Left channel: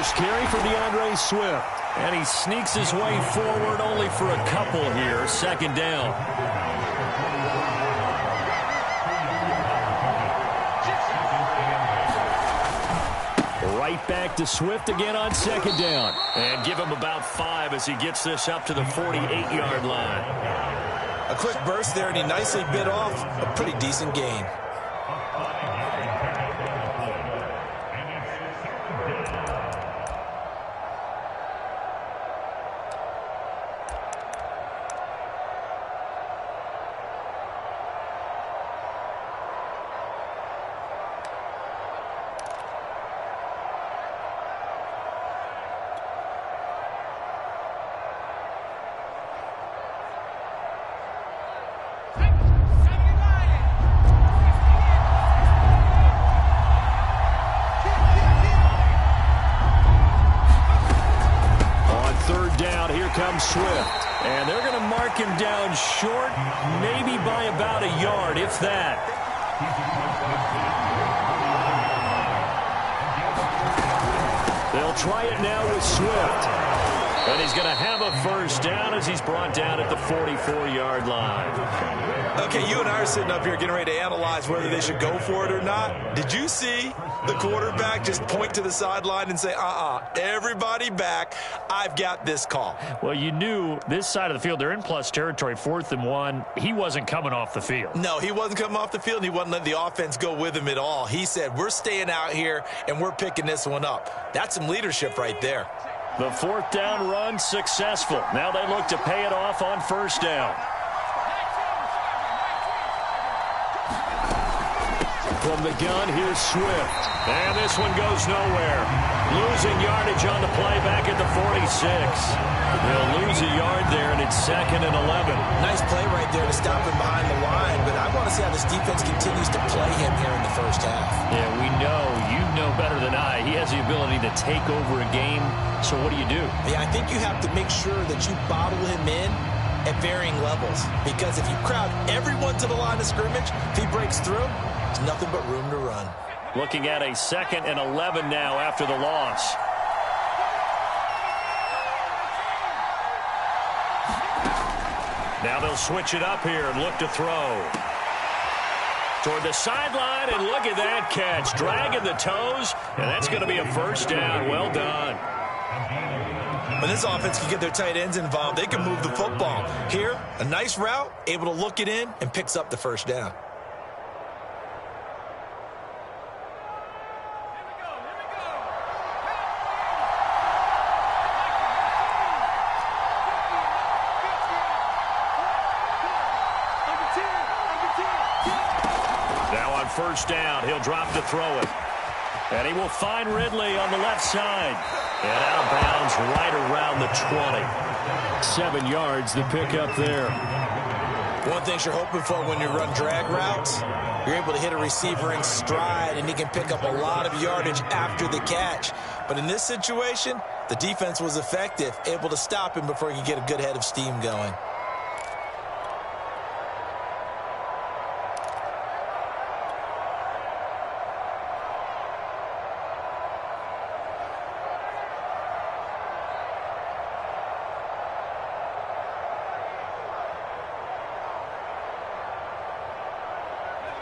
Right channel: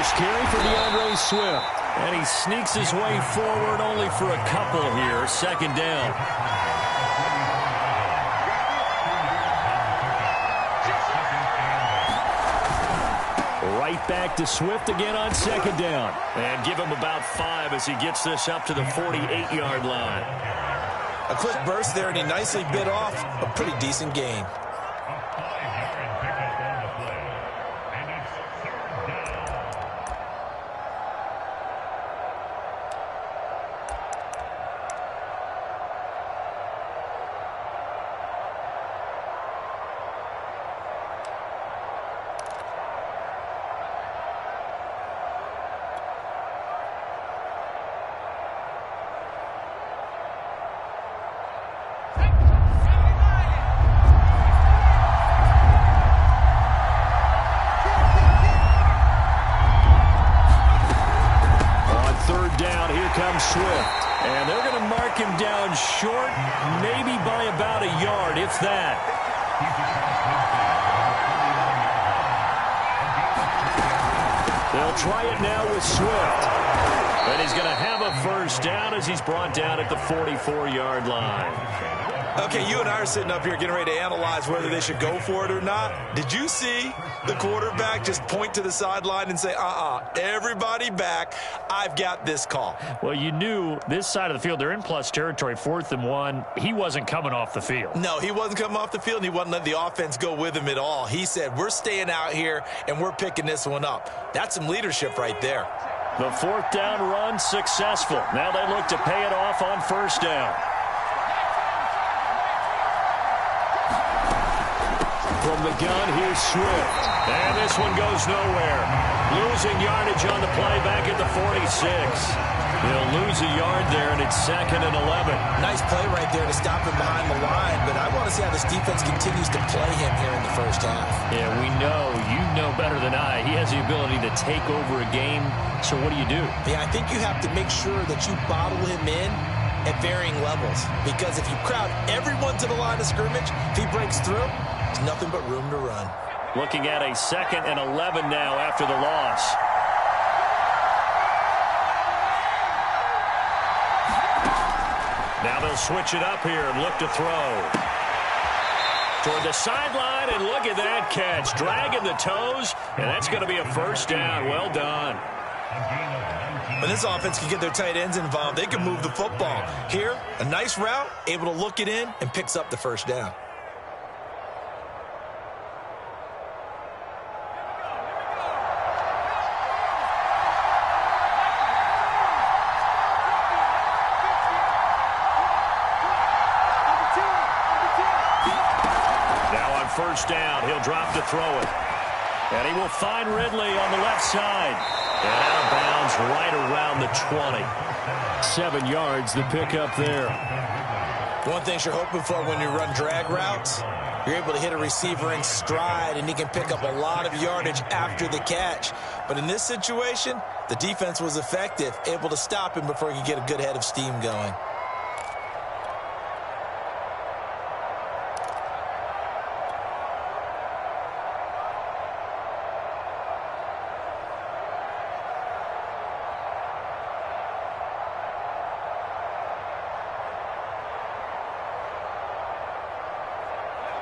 First carry for DeAndre Swift. And he sneaks his way forward only for a couple here. Second down. Right back to Swift again on second down. And give him about 5 as he gets this up to the 48-yard line. A quick burst there, and he nicely bit off a pretty decent gain. Comes Swift, and they're going to mark him down short, maybe by about a yard, if that. They'll try it now with Swift, and he's going to have a first down as he's brought down at the 44-yard line. Okay, you and I are sitting up here getting ready to analyze whether they should go for it or not. Did you see the quarterback just point to the sideline and say, everybody back, I've got this call? Well, you knew this side of the field, they're in plus territory, 4th and 1. He wasn't coming off the field. No, he wasn't coming off the field, and he wasn't letting the offense go with him at all. He said, we're staying out here, and we're picking this one up. That's some leadership right there. The 4th down run successful. Now they look to pay it off on first down. From the gun, here's Swift. And this one goes nowhere. Losing yardage on the play back at the 46. They'll lose a yard there, and it's 2nd and 11. Nice play right there to stop him behind the line, but I want to see how this defense continues to play him here in the first half. Yeah, we know. You know better than I. He has the ability to take over a game, so what do you do? Yeah, I think you have to make sure that you bottle him in at varying levels, because if you crowd everyone to the line of scrimmage, if he breaks through, there's nothing but room to run. Looking at a 2nd and 11 now after the loss. Now they'll switch it up here and look to throw. Toward the sideline, and look at that catch. Dragging the toes, and that's going to be a first down. Well done. When this offense can get their tight ends involved, they can move the football. Here, a nice route, able to look it in, and picks up the first down. First down, he'll drop to throw it. And he will find Ridley on the left side. And out of bounds right around the 20. 7 yards, the pickup there. One thing you're hoping for when you run drag routes, you're able to hit a receiver in stride, and he can pick up a lot of yardage after the catch. But in this situation, the defense was effective, able to stop him before he could get a good head of steam going.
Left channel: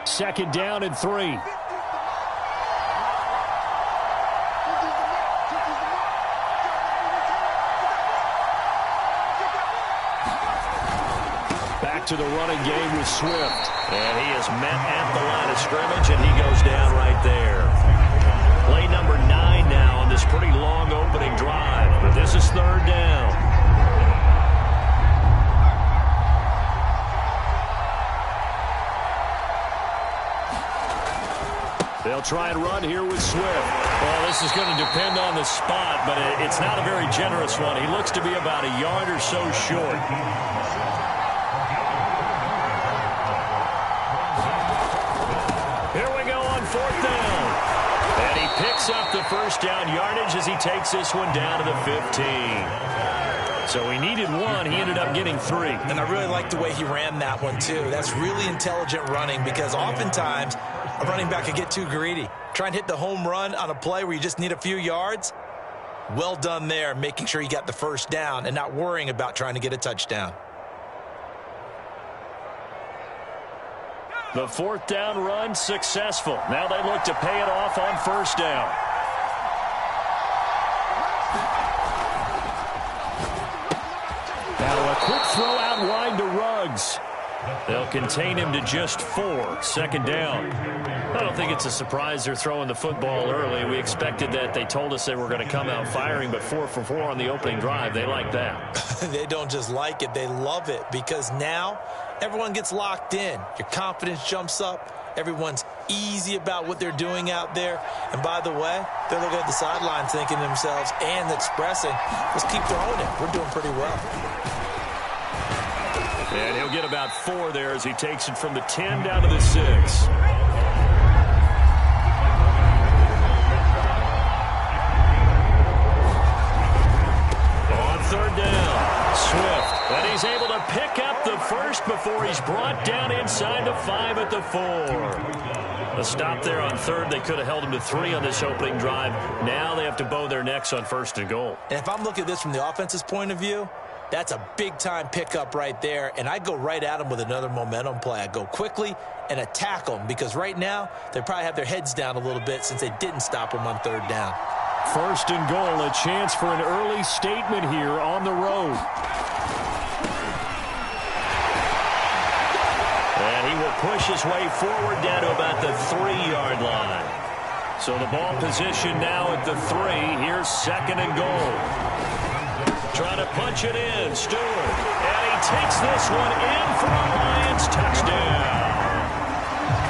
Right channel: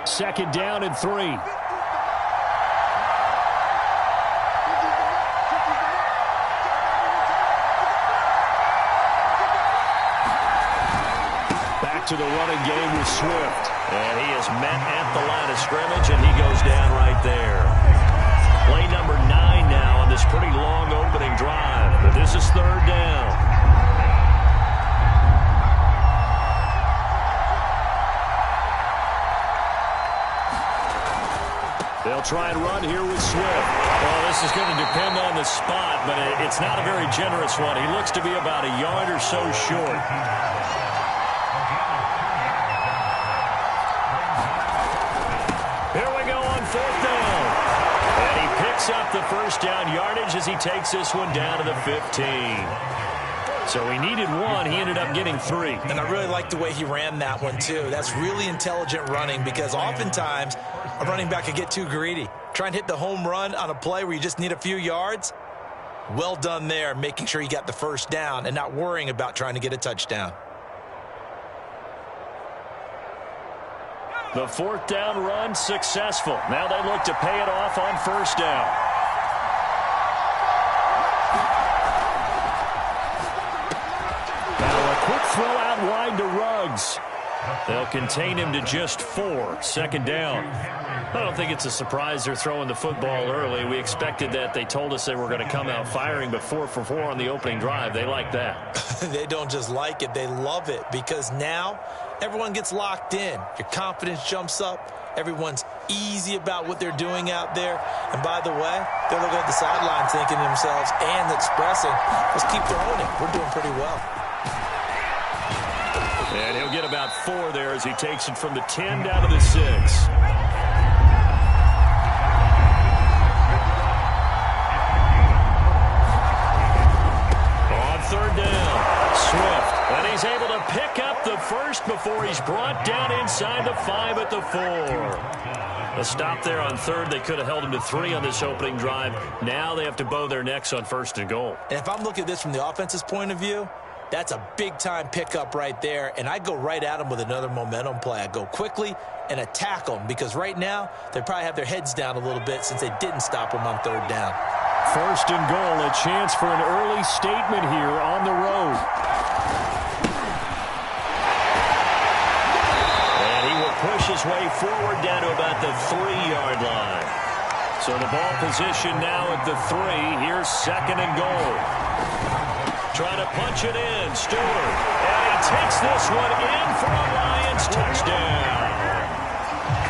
Second down and 3. Back to the running game with Swift. And he is met at the line of scrimmage, and he goes down right there. Play number 9 now on this pretty long opening drive. But this is 3rd down. They'll try and run here with Swift. Well, this is going to depend on the spot, but it's not a very generous one. He looks to be about a yard or so short. Here we go on 4th down. And he picks up the first down yardage as he takes this one down to the 15. So he needed 1. He ended up getting 3. And I really like the way he ran that one, too. That's really intelligent running, because oftentimes a running back could get too greedy. Try and hit the home run on a play where you just need a few yards. Well done there, making sure he got the first down and not worrying about trying to get a touchdown. The fourth down run successful. Now they look to pay it off on first down. Now a quick throw out wide to Ruggs. They'll contain him to just 4. Second down. I don't think it's a surprise they're throwing the football early. We expected that. They told us they were going to come out firing, but 4 for 4 on the opening drive. They like that. They don't just like it, they love it, because now everyone gets locked in. Your confidence jumps up. Everyone's easy about what they're doing out there. And by the way, they're looking at the sideline thinking to themselves and expressing, let's keep throwing it. We're doing pretty well. And he'll get about 4 there as he takes it from the 10 down to the 6. On third down, Swift. And he's able to pick up the first before he's brought down inside the 5 at the 4. A stop there on third. They could have held him to 3 on this opening drive. Now they have to bow their necks on first and goal. And if I'm looking at this from the offense's point of view, that's a big-time pickup right there, and I go right at them with another momentum play. I go quickly and attack them, because right now they probably have their heads down a little bit since they didn't stop them on third down. First and goal, a chance for an early statement here on the road. And he will push his way forward down to about the 3-yard line. So the ball position now at the 3. Here's second and goal. Trying to punch it in, Stewart. And he takes this one in for a Lions touchdown.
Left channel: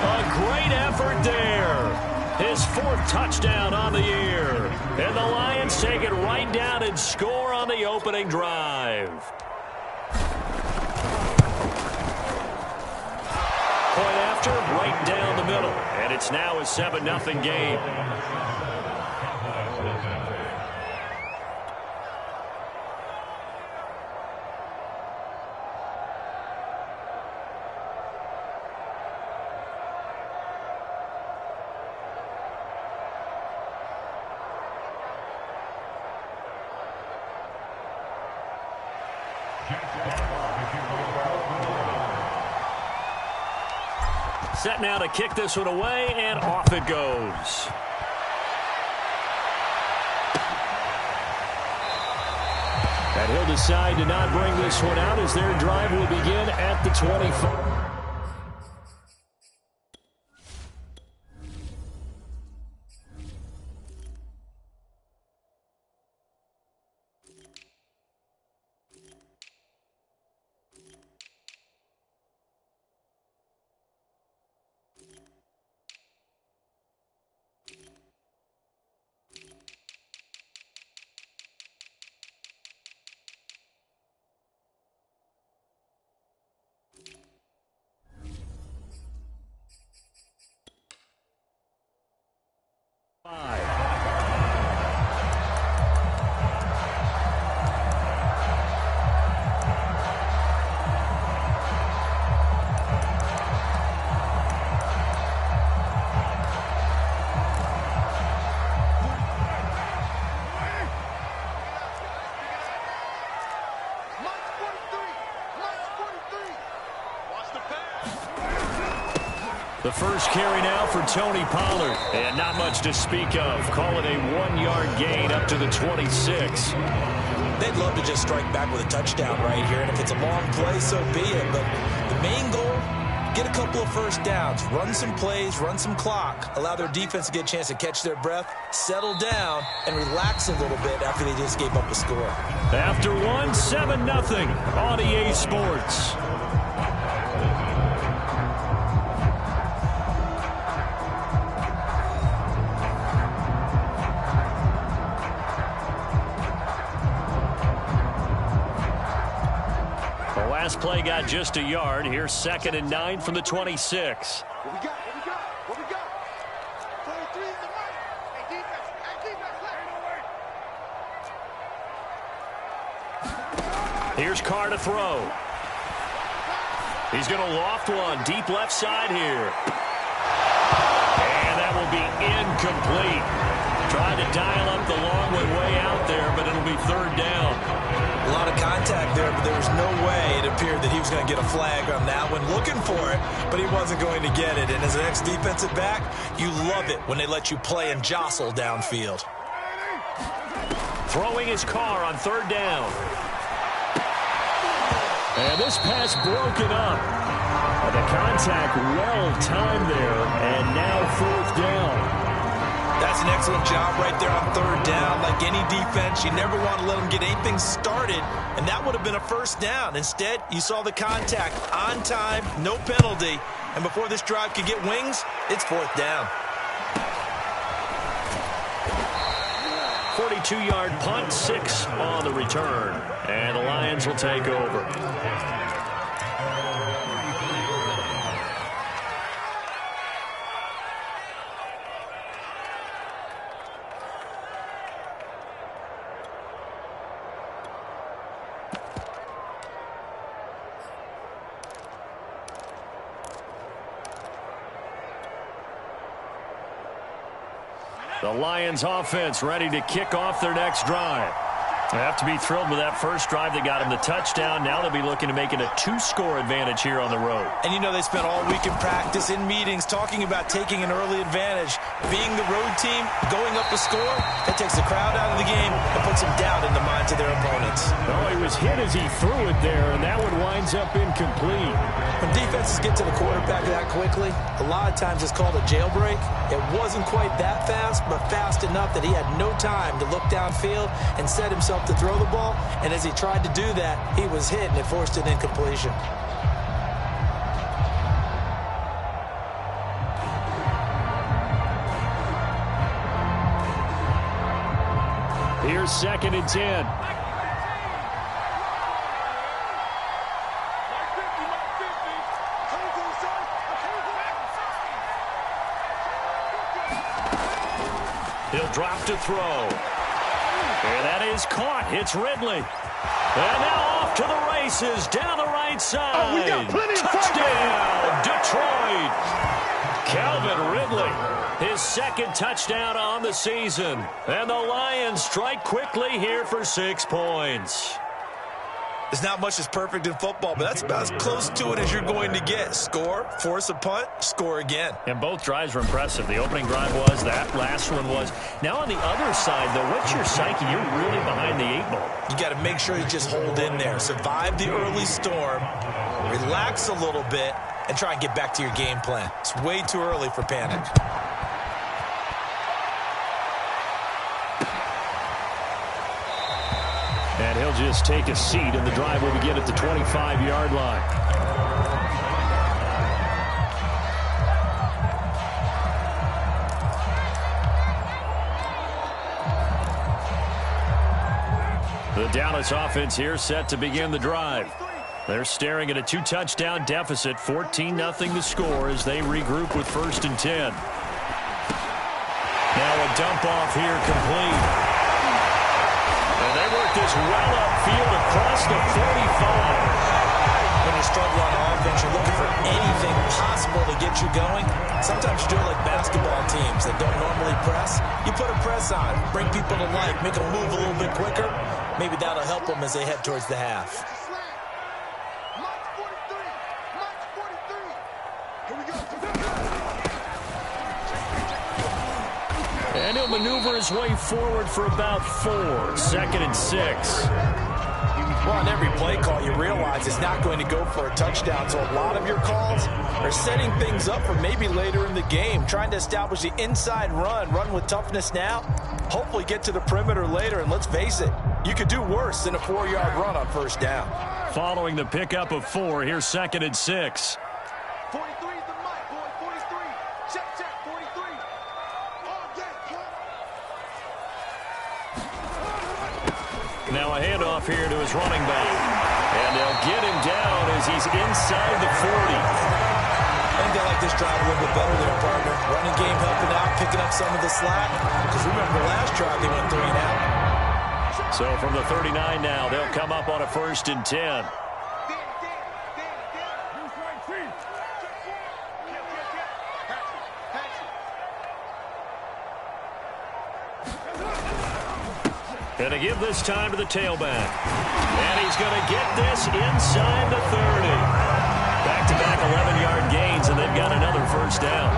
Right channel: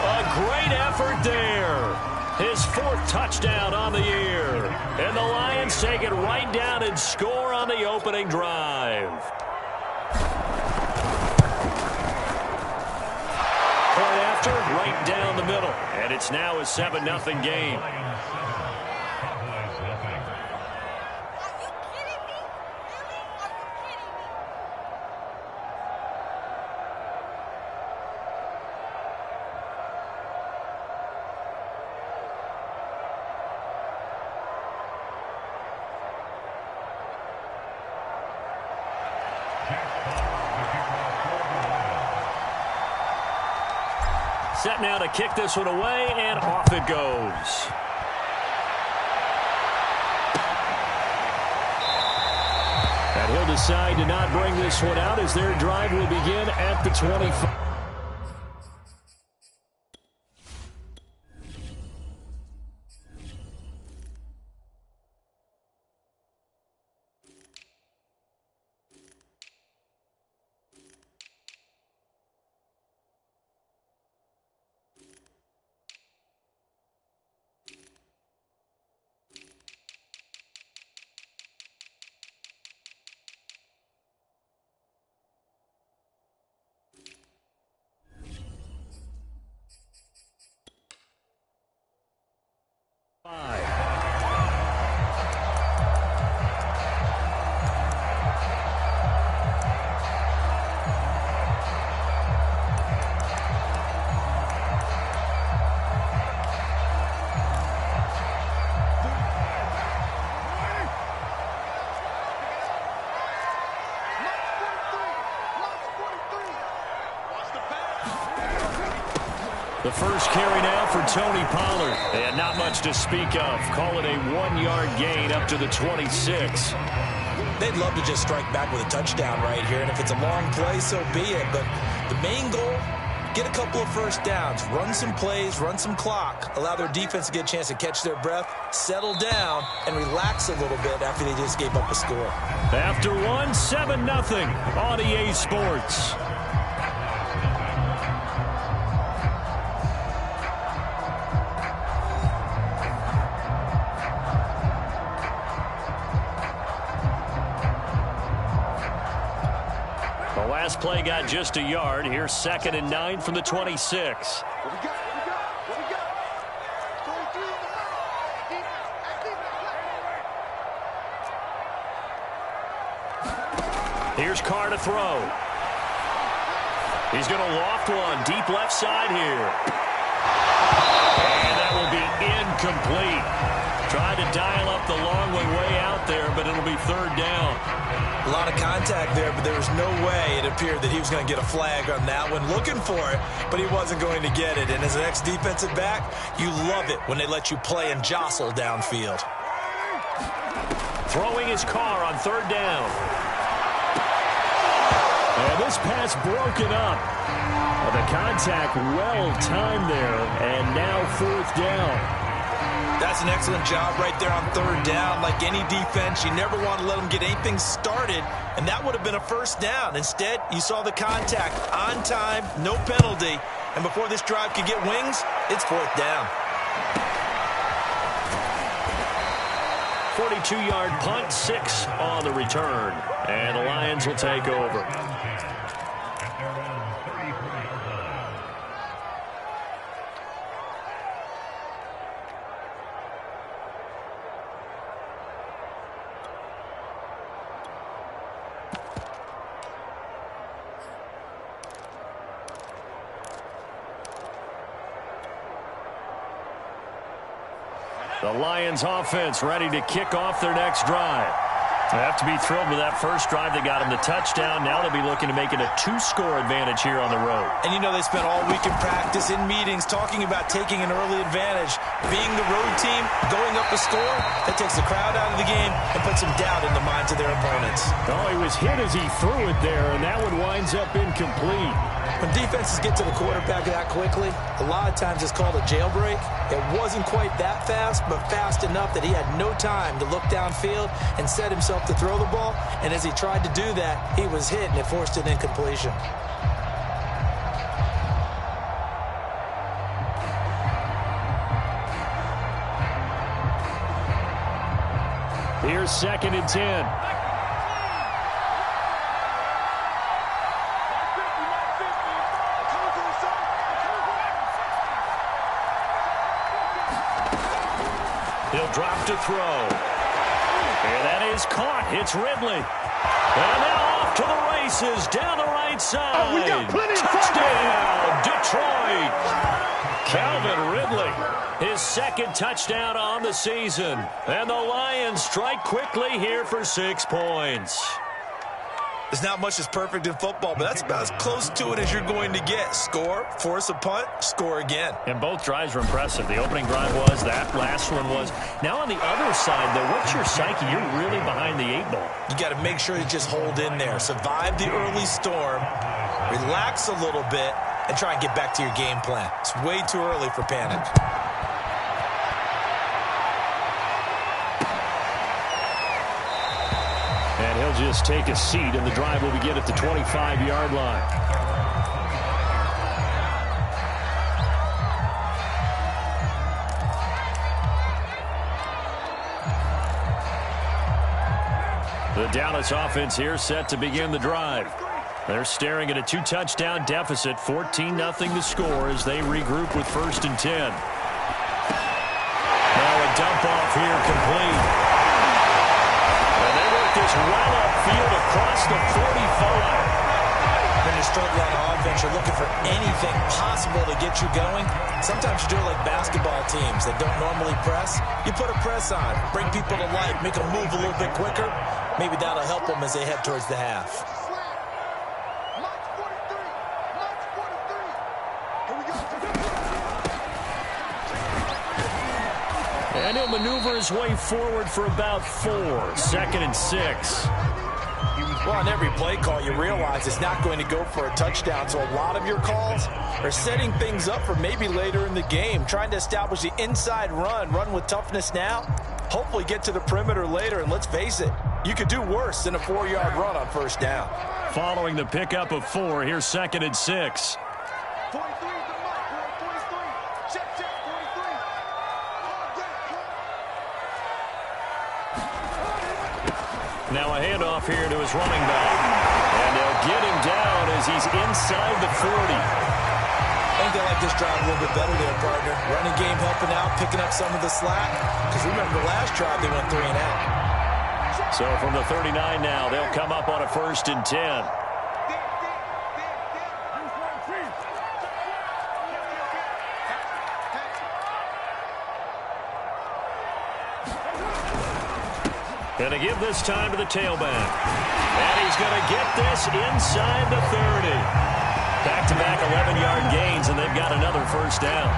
A great effort there. His 4th touchdown on the year. And the Lions take it right down and score on the opening drive. Point after, right down the middle. And it's now a 7-0 game. Set now to kick this one away, and off it goes. And he'll decide to not bring this one out as their drive will begin at the 25. The first carry now for Tony Pollard. And not much to speak of. Call it a 1-yard gain up to the 26. They'd love to just strike back with a touchdown right here, and if it's a long play, so be it. But the main goal, get a couple of first downs, run some plays, run some clock, allow their defense to get a chance to catch their breath, settle down, and relax a little bit after they just gave up a score. After 7-0 on EA Sports. The last play got just a yard. Here's 2nd and 9 from the 26. What we got? What we got? 23 in the middle. Hey, defense. Here's Carr to throw. He's going to loft one deep left side here. And that will be incomplete. Tried to dial up the long one way out there, but it'll be third down. A lot of contact there, but there was no way it appeared that he was going to get a flag on that one. Looking for it, but he wasn't going to get it. And as an ex-defensive back, you love it when they let you play and jostle downfield. Throwing his car on third down. And this pass broken up. The contact well timed there, and now fourth down. That's an excellent job right there on third down. Like any defense, you never want to let them get anything started, and that would have been a first down. Instead, you saw the contact on time, no penalty, and before this drive could get wings, it's fourth down. 42-yard punt, 6 on the return, and the Lions will take over. The Lions offense ready to kick off their next drive. They have to be thrilled with that first drive. They got them the touchdown. Now they'll be looking to make it a 2-score advantage here on the road. And you know they spent all week in practice, in meetings, talking about taking an early advantage. Being the road team, going up a score, that takes the crowd out of the game and puts some doubt in the minds of their opponents. Oh, he was hit as he threw it there, and that one winds up incomplete. When defenses get to the quarterback that quickly, a lot of times it's called a jailbreak. It wasn't quite that fast, but fast enough that he had no time to look downfield and set himself to throw the ball. And as he tried to do that, he was hit, and it forced an incompletion. Here's 2nd and 10. He'll drop to throw. And that is caught. It's Ridley. And now off to the races down the right side. We got plenty of touchdown, Detroit. Calvin Ridley, his 2nd touchdown on the season. And the Lions strike quickly here for 6 points. There's not much that's perfect in football, but that's about as close to it as you're going to get. Score, force a punt, score again. And both drives were impressive. The opening drive was, that last one was. Now on the other side, though, what's your psyche? You're really behind the 8 ball. You got to make sure you just hold in there. Survive the early storm, relax a little bit, and try and get back to your game plan. It's way too early for panic. And he'll just take a seat, and the drive will begin at the 25-yard line. The Dallas offense here set to begin the drive. They're staring at a 2-touchdown deficit, 14-0 to score as they regroup with 1st and 10. Now a dump off here complete. And they work this well upfield across the 45. When you struggle on offense, you're looking for anything possible to get you going. Sometimes you do it like basketball teams that don't normally press. You put a press on, bring people to life, make them move a little bit quicker. Maybe that'll help them as they head towards the half. March 43. March 43. Here we go. And he'll maneuver his way forward for about 4. 2nd and 6. Well, on every play call, you realize it's not going to go for a touchdown. So a lot of your calls are setting things up for maybe later in the game, trying to establish the inside run with toughness now, hopefully get to the perimeter later. And let's face it, you could do worse than a 4-yard run on 1st down. Following the pickup of 4, here's 2nd and 6. 43 is the mic, boy. 43. Check, 43. All game, Now a handoff here to his running back. And they'll get him down as he's inside the 40. I think they like this drive a little bit better there, partner. Running game helping out, picking up some of the slack. Because remember, the last drive they went 3 and out. So from the 39 now, they'll come up on a 1st and 10. Going to give this time to the tailback. And he's going to get this inside the 30. Back-to-back 11-yard gains, and they've got another first down.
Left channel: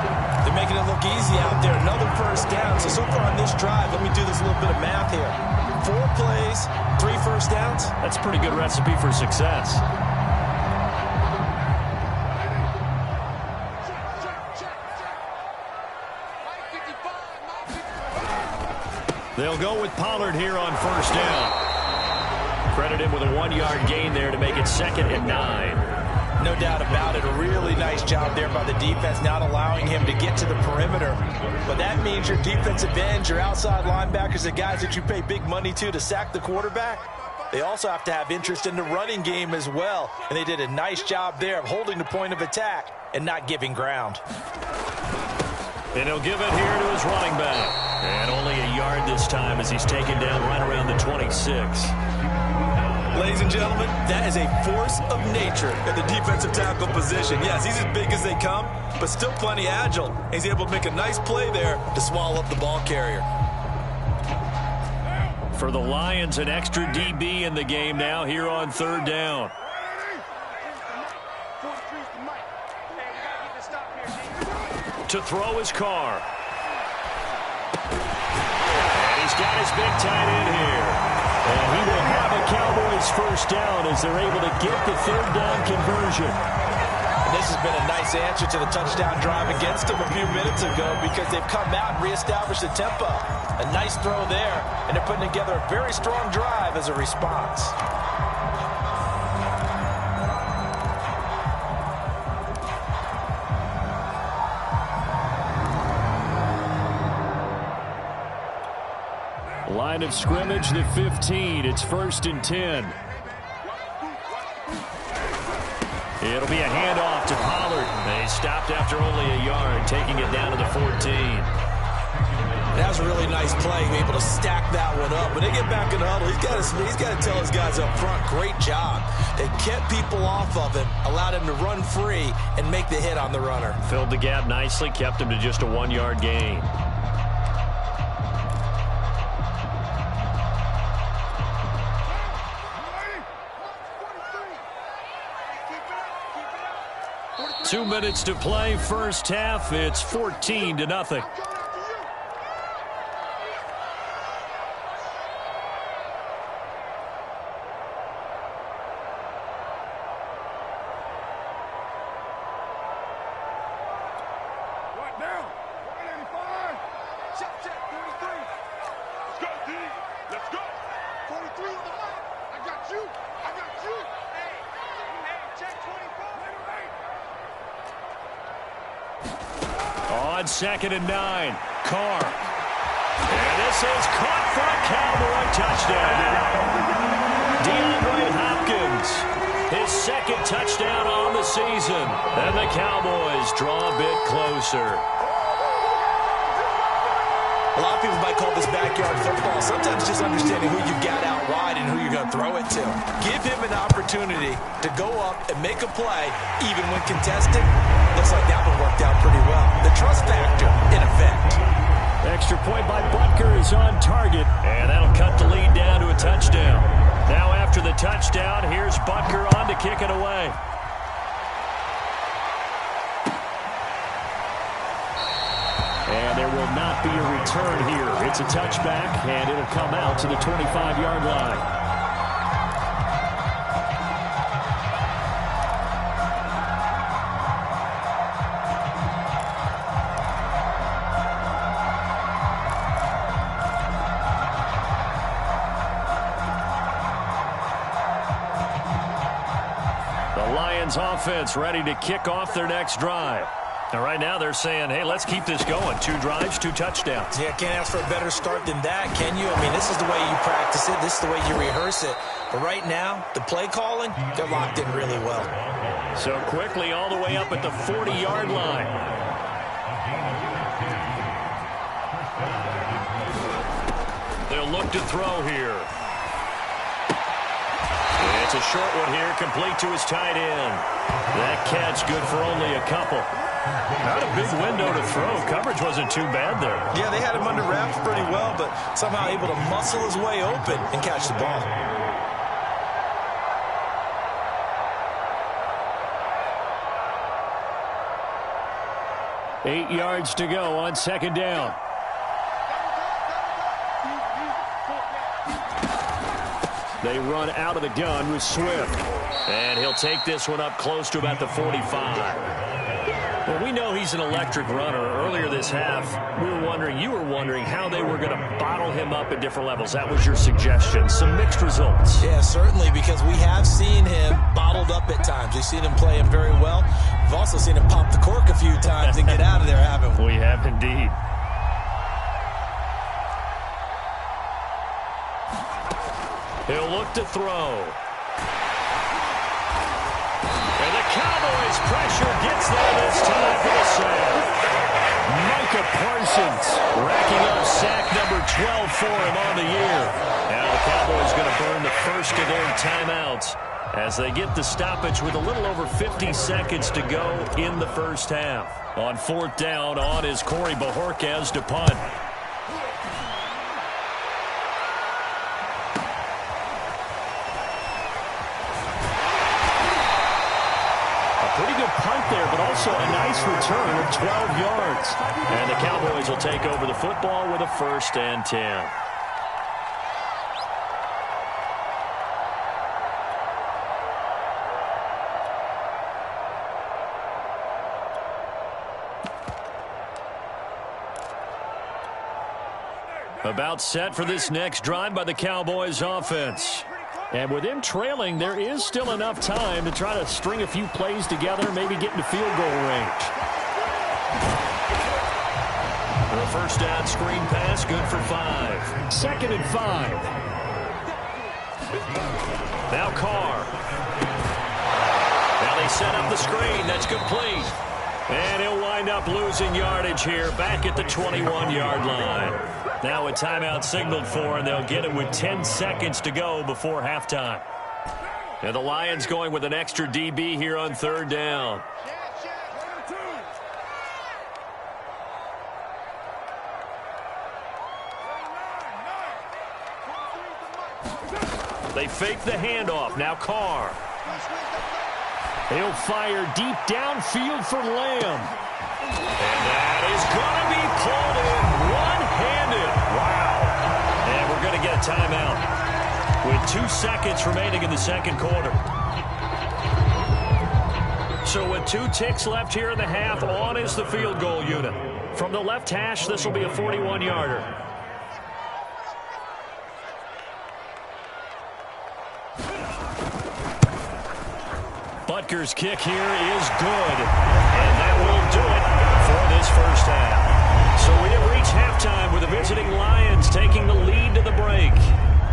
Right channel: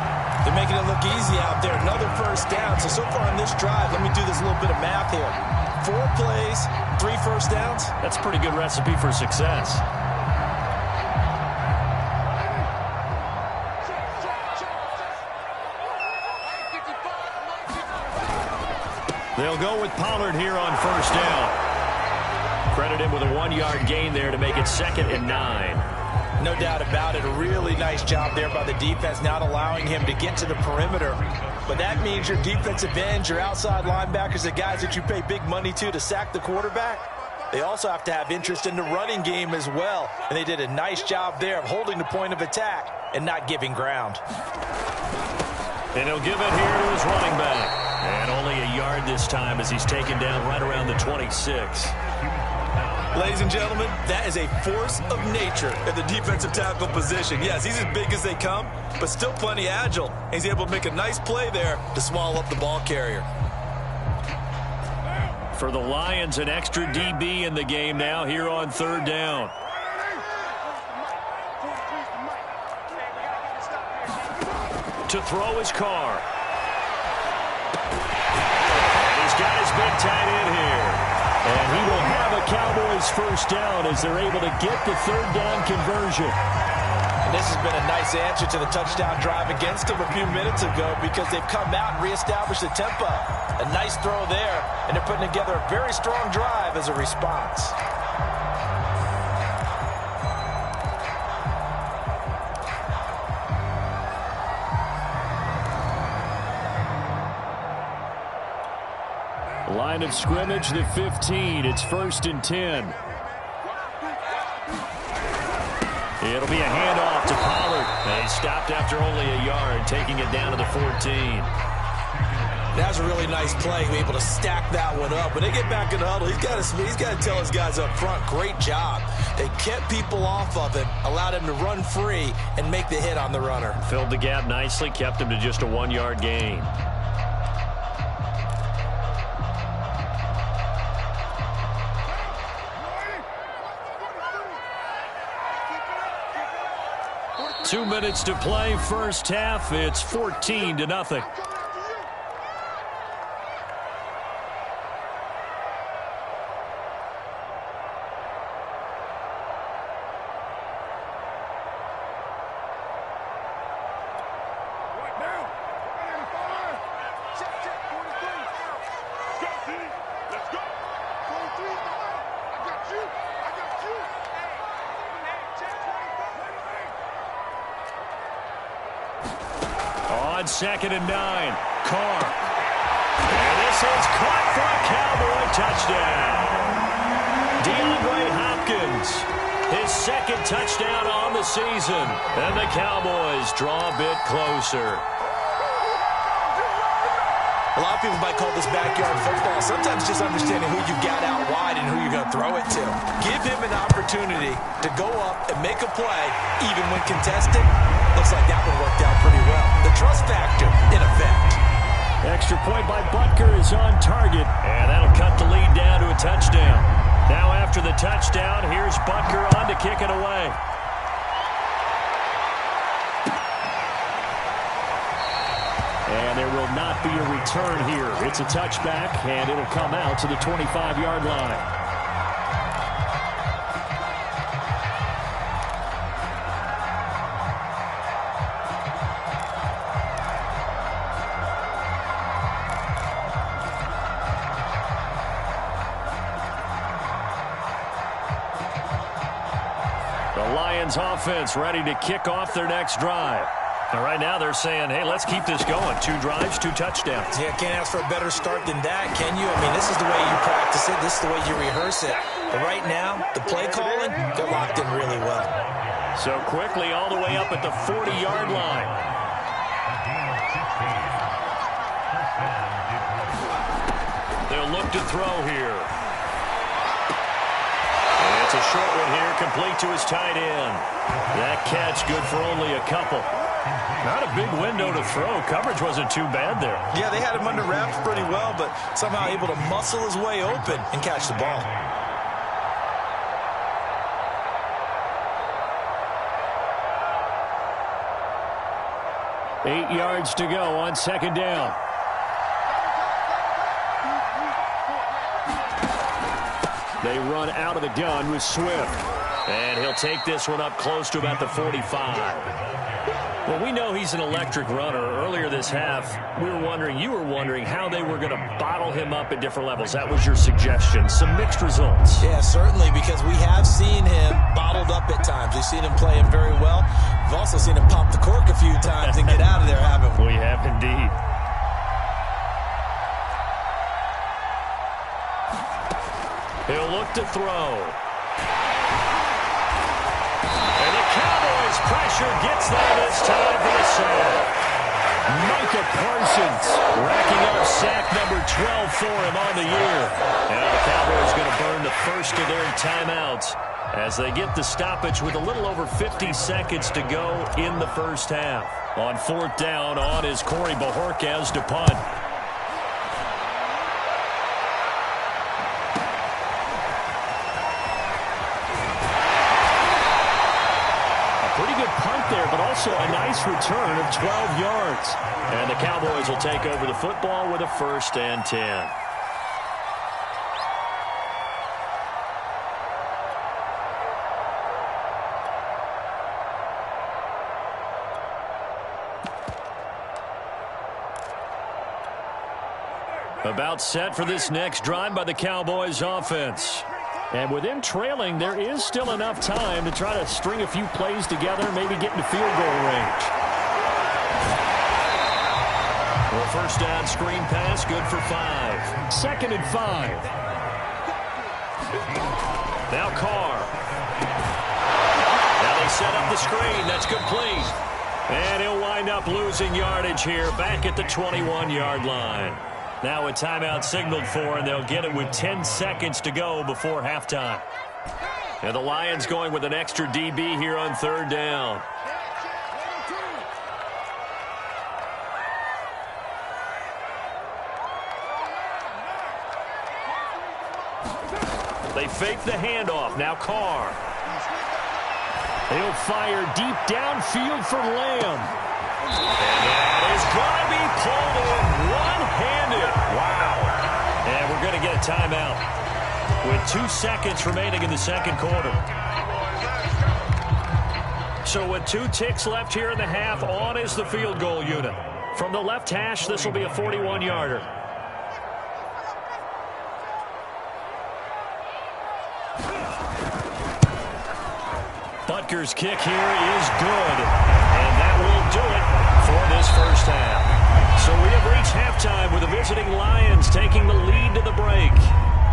They're making it look easy out there. Another first down. So far on this drive, let me do this little bit of math here. 4 plays, 3 first downs. That's a pretty good recipe for success. They'll go with Pollard here on first down. Credit him with a 1-yard gain there to make it 2nd and 9. No doubt about it. A really nice job there by the defense, not allowing him to get to the perimeter. But that means your defensive ends, your outside linebackers, the guys that you pay big money to sack the quarterback, they also have to have interest in the running game as well. And they did a nice job there of holding the point of attack and not giving ground. And he'll give it here to his running back. And only a yard this time as he's taken down right around the 26. Ladies and gentlemen, that is a force of nature at the defensive tackle position. Yes, he's as big as they come, but still plenty agile. He's able to make a nice play there to swallow up the ball carrier. For the Lions, an extra DB in the game now here on 3rd down. To throw his car. And he's got his big tight end here. And he will have a Cowboys first down as they're able to get the 3rd down conversion. And this has been a nice answer to the touchdown drive against them a few minutes ago because they've come out and reestablished the tempo. A nice throw there, and they're putting together a very strong drive as a response. Line of scrimmage, the 15. It's 1st and 10. It'll be a handoff to Pollard. They stopped after only a yard, taking it down to the 14. That was a really nice play, able to stack that one up. When they get back in the huddle, he's got to tell his guys up front, great job. They kept people off of him, allowed him to run free, and make the hit on the runner. Filled the gap nicely, kept him to just a 1-yard gain. Two minutes to play, first half. It's 14-0. On 2nd and 9, Carr. And this is caught for a Cowboy touchdown. DeAndre Hopkins, his 2nd touchdown on the season. And the Cowboys draw a bit closer. A lot of people might call this backyard football. Sometimes just understanding who you've got out wide and who you're going to throw it to. Give him an opportunity to go up and make a play, even when contested. Looks like that one worked out pretty well. The trust factor in effect. Extra point by Butker is on target, and that'll cut the lead down to a touchdown. Now after the touchdown, here's Butker on to kick it away. And there will not be a return here. It's a touchback, and it'll come out to the 25-yard line. The Lions offense ready to kick off their next drive. Now, right now, they're saying, hey, let's keep this going. 2 drives, 2 touchdowns. Yeah, can't ask for a better start than that, can you? I mean, this is the way you practice it. This is the way you rehearse it. But right now, the play calling, they're locked in really well. So quickly all the way up at the 40-yard line. They'll look to throw here. It's a short one here, complete to his tight end. That catch good for only a couple. Not a big window to throw. Coverage wasn't too bad there. Yeah, they had him under wraps pretty well, but somehow able to muscle his way open and catch the ball. Eight yards to go on second down. They run out of the gun with Swift. And he'll take this one up close to about the 45. Well, we know he's an electric runner. Earlier this half, you were wondering how they were going to bottle him up at different levels. That was your suggestion. Some mixed results. Yeah, certainly, because we have seen him bottled up at times. We've seen him play him very well. We've also seen him pop the cork a few times and get out of there, haven't we? We have indeed. He'll look to throw. And the Cowboys' pressure gets there this time for the sack. Micah Parsons racking up sack number 12 for him on the year. Now the Cowboys going to burn the first of their timeouts as they get the stoppage with a little over 50 seconds to go in the first half. On fourth down, on is Corey Bojorquez to punt. Pretty good punt there, but also a nice return of 12 yards. And the Cowboys will take over the football with a 1st and 10. About set for this next drive by the Cowboys offense. And with them trailing, there is still enough time to try to string a few plays together, maybe get into field goal range. The first down screen pass, good for 5. 2nd and 5. Now Carr. Now they set up the screen. That's complete. And he'll wind up losing yardage here back at the 21-yard line. Now a timeout signaled for, and they'll get it with 10 seconds to go before halftime. And the Lions going with an extra DB here on 3rd down. They fake the handoff. Now Carr. He'll fire deep downfield for Lamb. And that is going to be pulled in one-handed. Wow. And we're going to get a timeout with 2 seconds remaining in the second quarter. So with 2 ticks left here in the half, on is the field goal unit. From the left hash, this will be a 41-yarder. Butker's kick here is good, and that will do it for this first half. So we have reached halftime with the visiting Lions taking the lead to the break.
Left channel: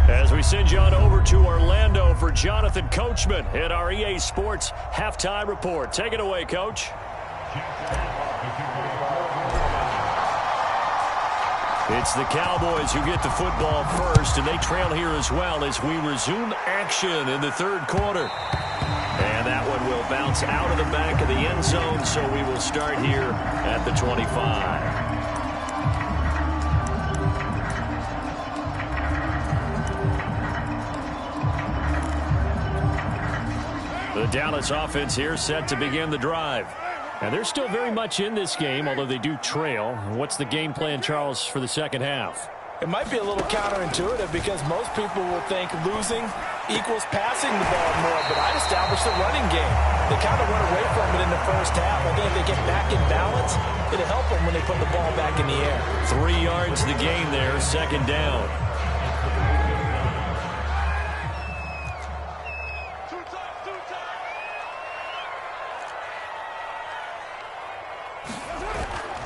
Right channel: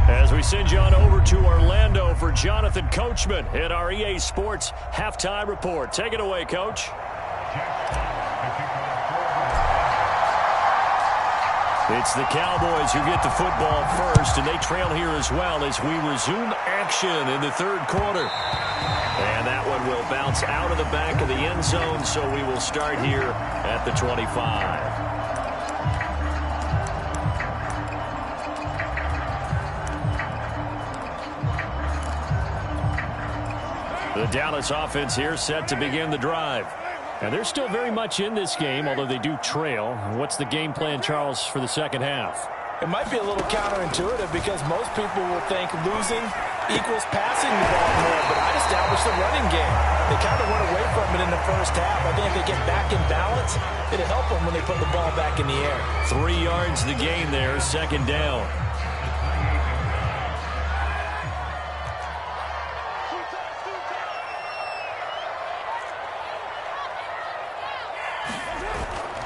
As we send you on over to Orlando for Jonathan Coachman at our EA Sports Halftime Report. Take it away, Coach. It's the Cowboys who get the football first, and they trail here as well as we resume action in the third quarter. And that one will bounce out of the back of the end zone, so we will start here at the 25. The Dallas offense here set to begin the drive. And they're still very much in this game, although they do trail. What's the game plan, Charles, for the second half? It might be a little counterintuitive because most people will think losing equals passing the ball more, but I'd establish the running game. They kind of went away from it in the first half. I think if they get back in balance, it'll help them when they put the ball back in the air. 3 yards the gain there, second down.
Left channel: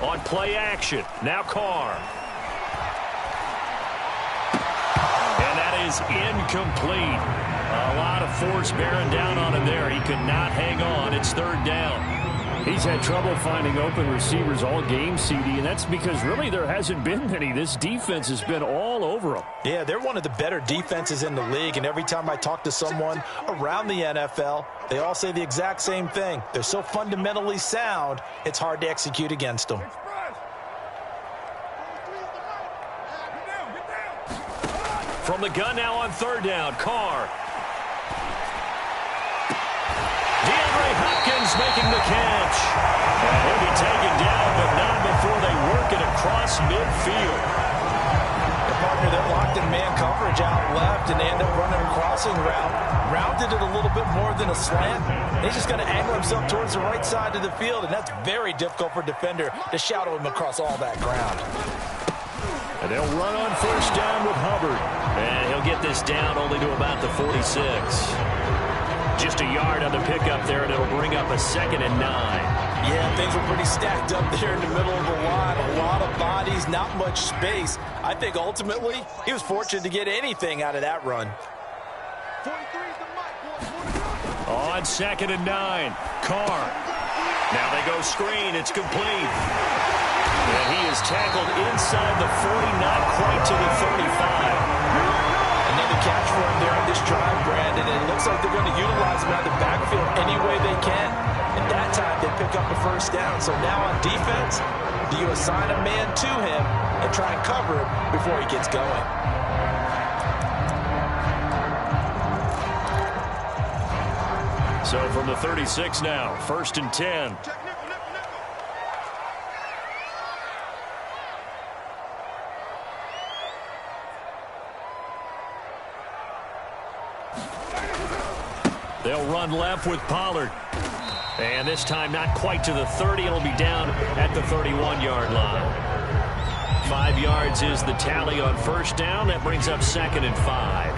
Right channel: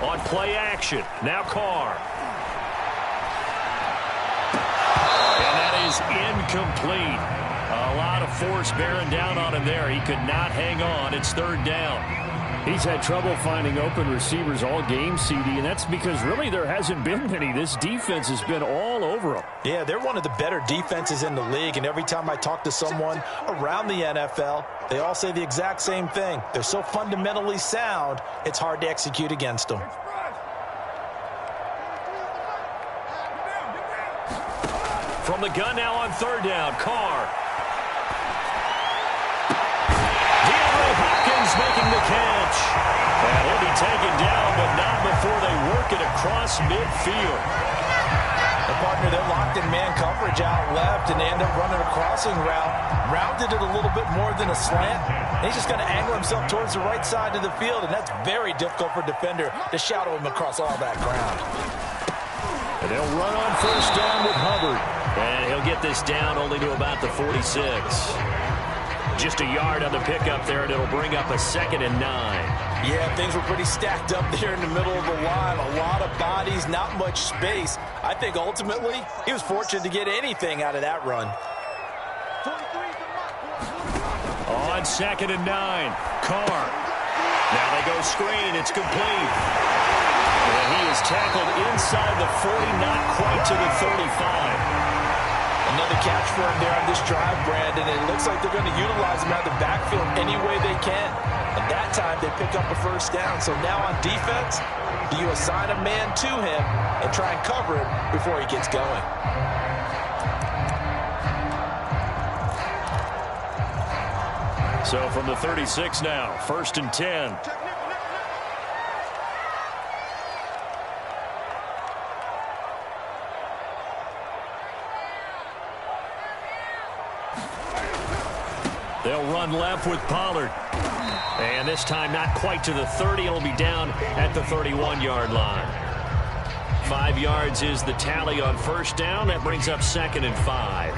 On play action, now Carr. And that is incomplete. A lot of force bearing down on him there. He could not hang on. It's third down. He's had trouble finding open receivers all game, CD, and that's because really there hasn't been many. This defense has been all over him. Yeah, they're one of the better defenses in the league, and every time I talk to someone around the NFL, they all say the exact same thing. They're so fundamentally sound, it's hard to execute against them. From the gun now on third down, Carr. Hopkins making the catch. And he'll be taken down, but not before they work it across midfield. The partner, they're locked in man coverage out left, and they end up running a crossing route. Rounded it a little bit more than a slant. And he's just going to angle himself towards the right side of the field, and that's very difficult for a defender to shadow him across all that ground. And they'll run on first down with Hubbard. And he'll get this down only to about the 46. Just a yard on the pickup there, and it'll bring up a 2nd and 9. Yeah, things were pretty stacked up there in the middle of the line. A lot of bodies, not much space. I think ultimately he was fortunate to get anything out of that run. On 2nd and 9, Carr. Now they go screen. It's complete. And he is tackled inside the 40, not quite to the 35. Another catch for him there on this drive, Brandon. And it looks like they're going to utilize him out of the backfield any way they can. And that time they pick up a first down. So now on defense, do you assign a man to him and try and cover him before he gets going? So from the 36 now, 1st and 10. They'll run left with Pollard. And this time not quite to the 30. It'll be down at the 31-yard line. 5 yards is the tally on first down. That brings up 2nd and 5.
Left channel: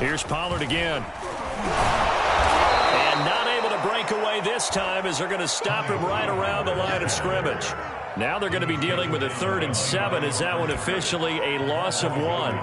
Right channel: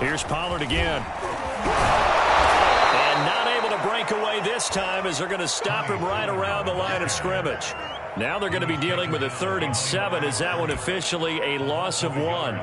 Here's Pollard again. And not able to break away this time as they're going to stop him right around the line of scrimmage. Now they're going to be dealing with a 3rd and 7. Is that one officially a loss of 1?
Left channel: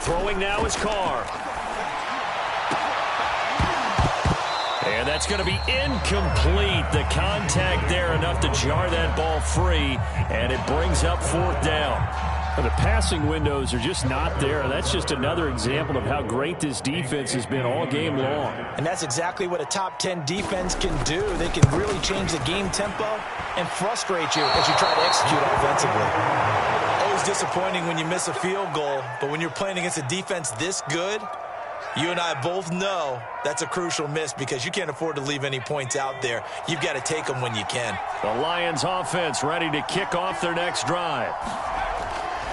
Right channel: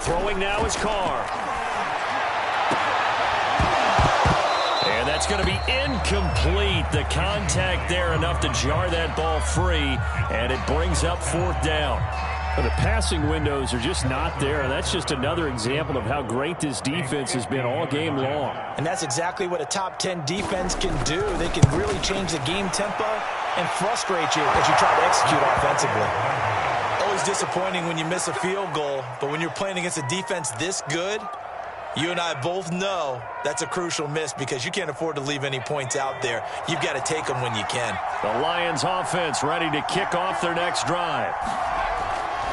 Throwing now is Carr. And that's going to be incomplete. The contact there enough to jar that ball free, and it brings up 4th down. The passing windows are just not there. That's just another example of how great this defense has been all game long. And that's exactly what a top 10 defense can do. They can really change the game tempo and frustrate you as you try to execute offensively. Always disappointing when you miss a field goal, but when you're playing against a defense this good, you and I both know that's a crucial miss because you can't afford to leave any points out there. You've got to take them when you can. The Lions offense ready to kick off their next drive.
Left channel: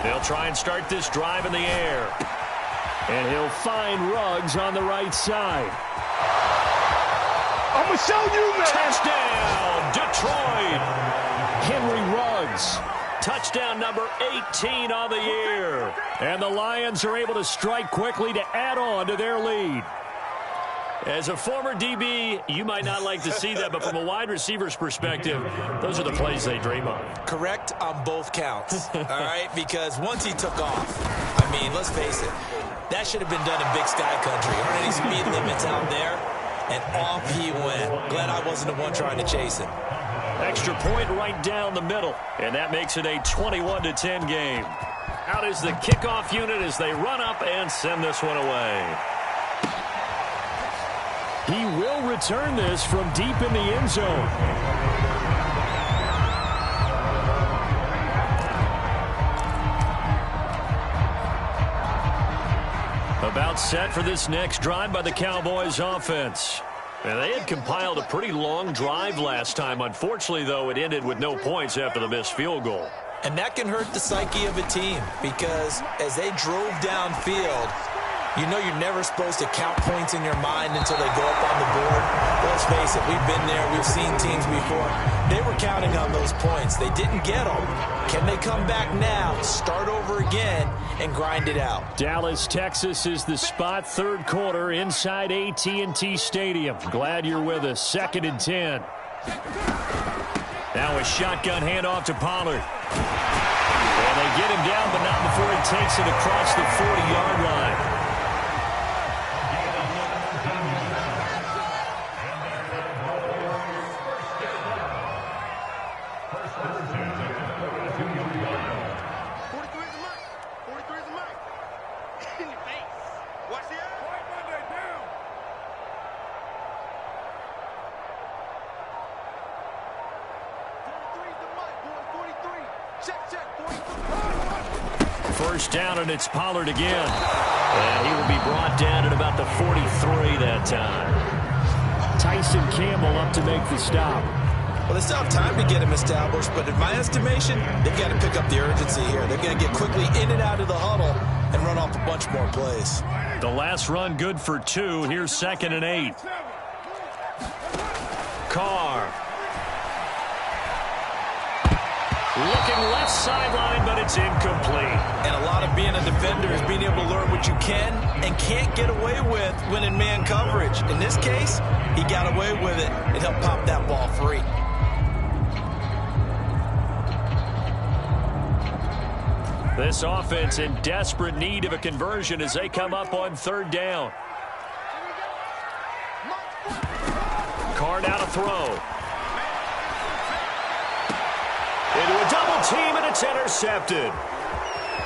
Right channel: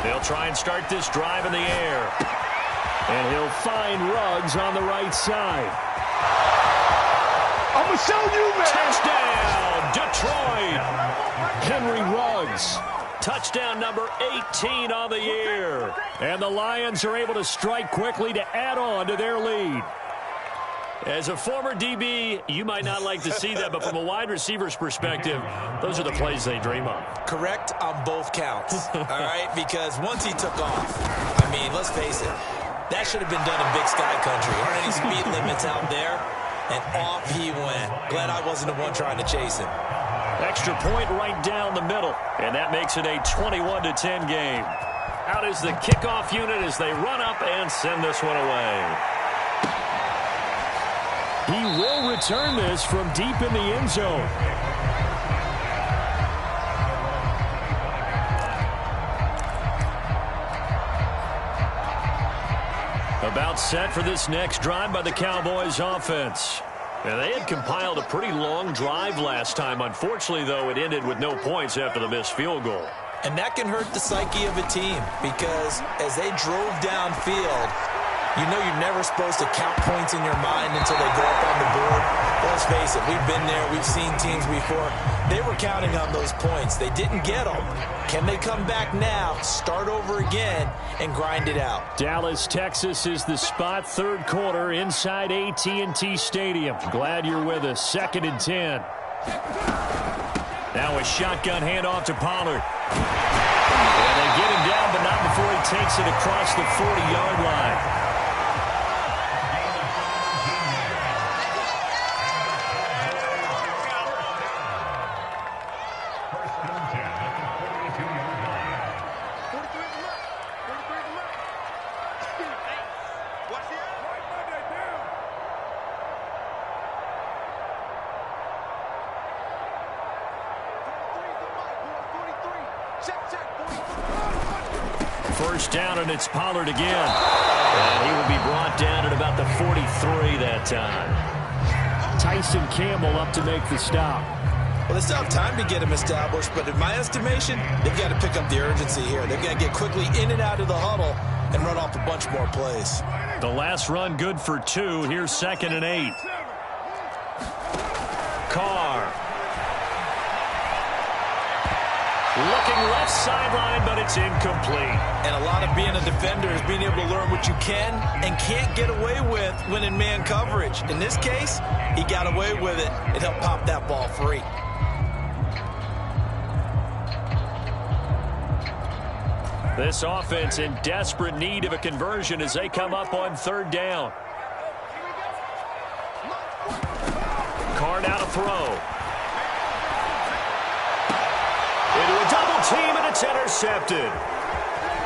They'll try and start this drive in the air. And he'll find Ruggs on the right side. I'm going to show you, man. Touchdown, Detroit. Henry Ruggs. Touchdown number 18 on the year. And the Lions are able to strike quickly to add on to their lead. As a former DB, you might not like to see that, but from a wide receiver's perspective, those are the plays they dream of. Correct on both counts, all right? Because once he took off, I mean, let's face it, that should have been done in Big Sky Country. Aren't any speed limits out there? And off he went. Glad I wasn't the one trying to chase him. Extra point right down the middle, and that makes it a 21-10 game. Out is the kickoff unit as they run up and send this one away. He will return this from deep in the end zone. About set for this next drive by the Cowboys offense. And they had compiled a pretty long drive last time. Unfortunately, though, it ended with no points after the missed field goal. And that can hurt the psyche of a team because as they drove downfield, you know you're never supposed to count points in your mind until they go up on the board. Let's face it, we've been there. We've seen teams before. They were counting on those points. They didn't get them. Can they come back now, start over again, and grind it out? Dallas, Texas is the spot. Third quarter inside AT&T Stadium. Glad you're with us. 2nd and 10. Now a shotgun handoff to Pollard. And they get him down, but not before he takes it across the 40-yard line. First down, and it's Pollard again. And he will be brought down at about the 43 that time. Tyson Campbell up to make the stop. Well, they still have time to get him established, but in my estimation, they've got to pick up the urgency here. They've got to get quickly in and out of the huddle and run off a bunch more plays. The last run good for 2. Here's 2nd and 8. Carr. Looking left sideline, but it's incomplete. And a lot of being a defender is being able to learn what you can and can't get away with when in man coverage. In this case, he got away with it and helped pop that ball free. This offense in desperate need of a conversion as they come up on 3rd down. Carr out to throw. Into a double team, and it's intercepted.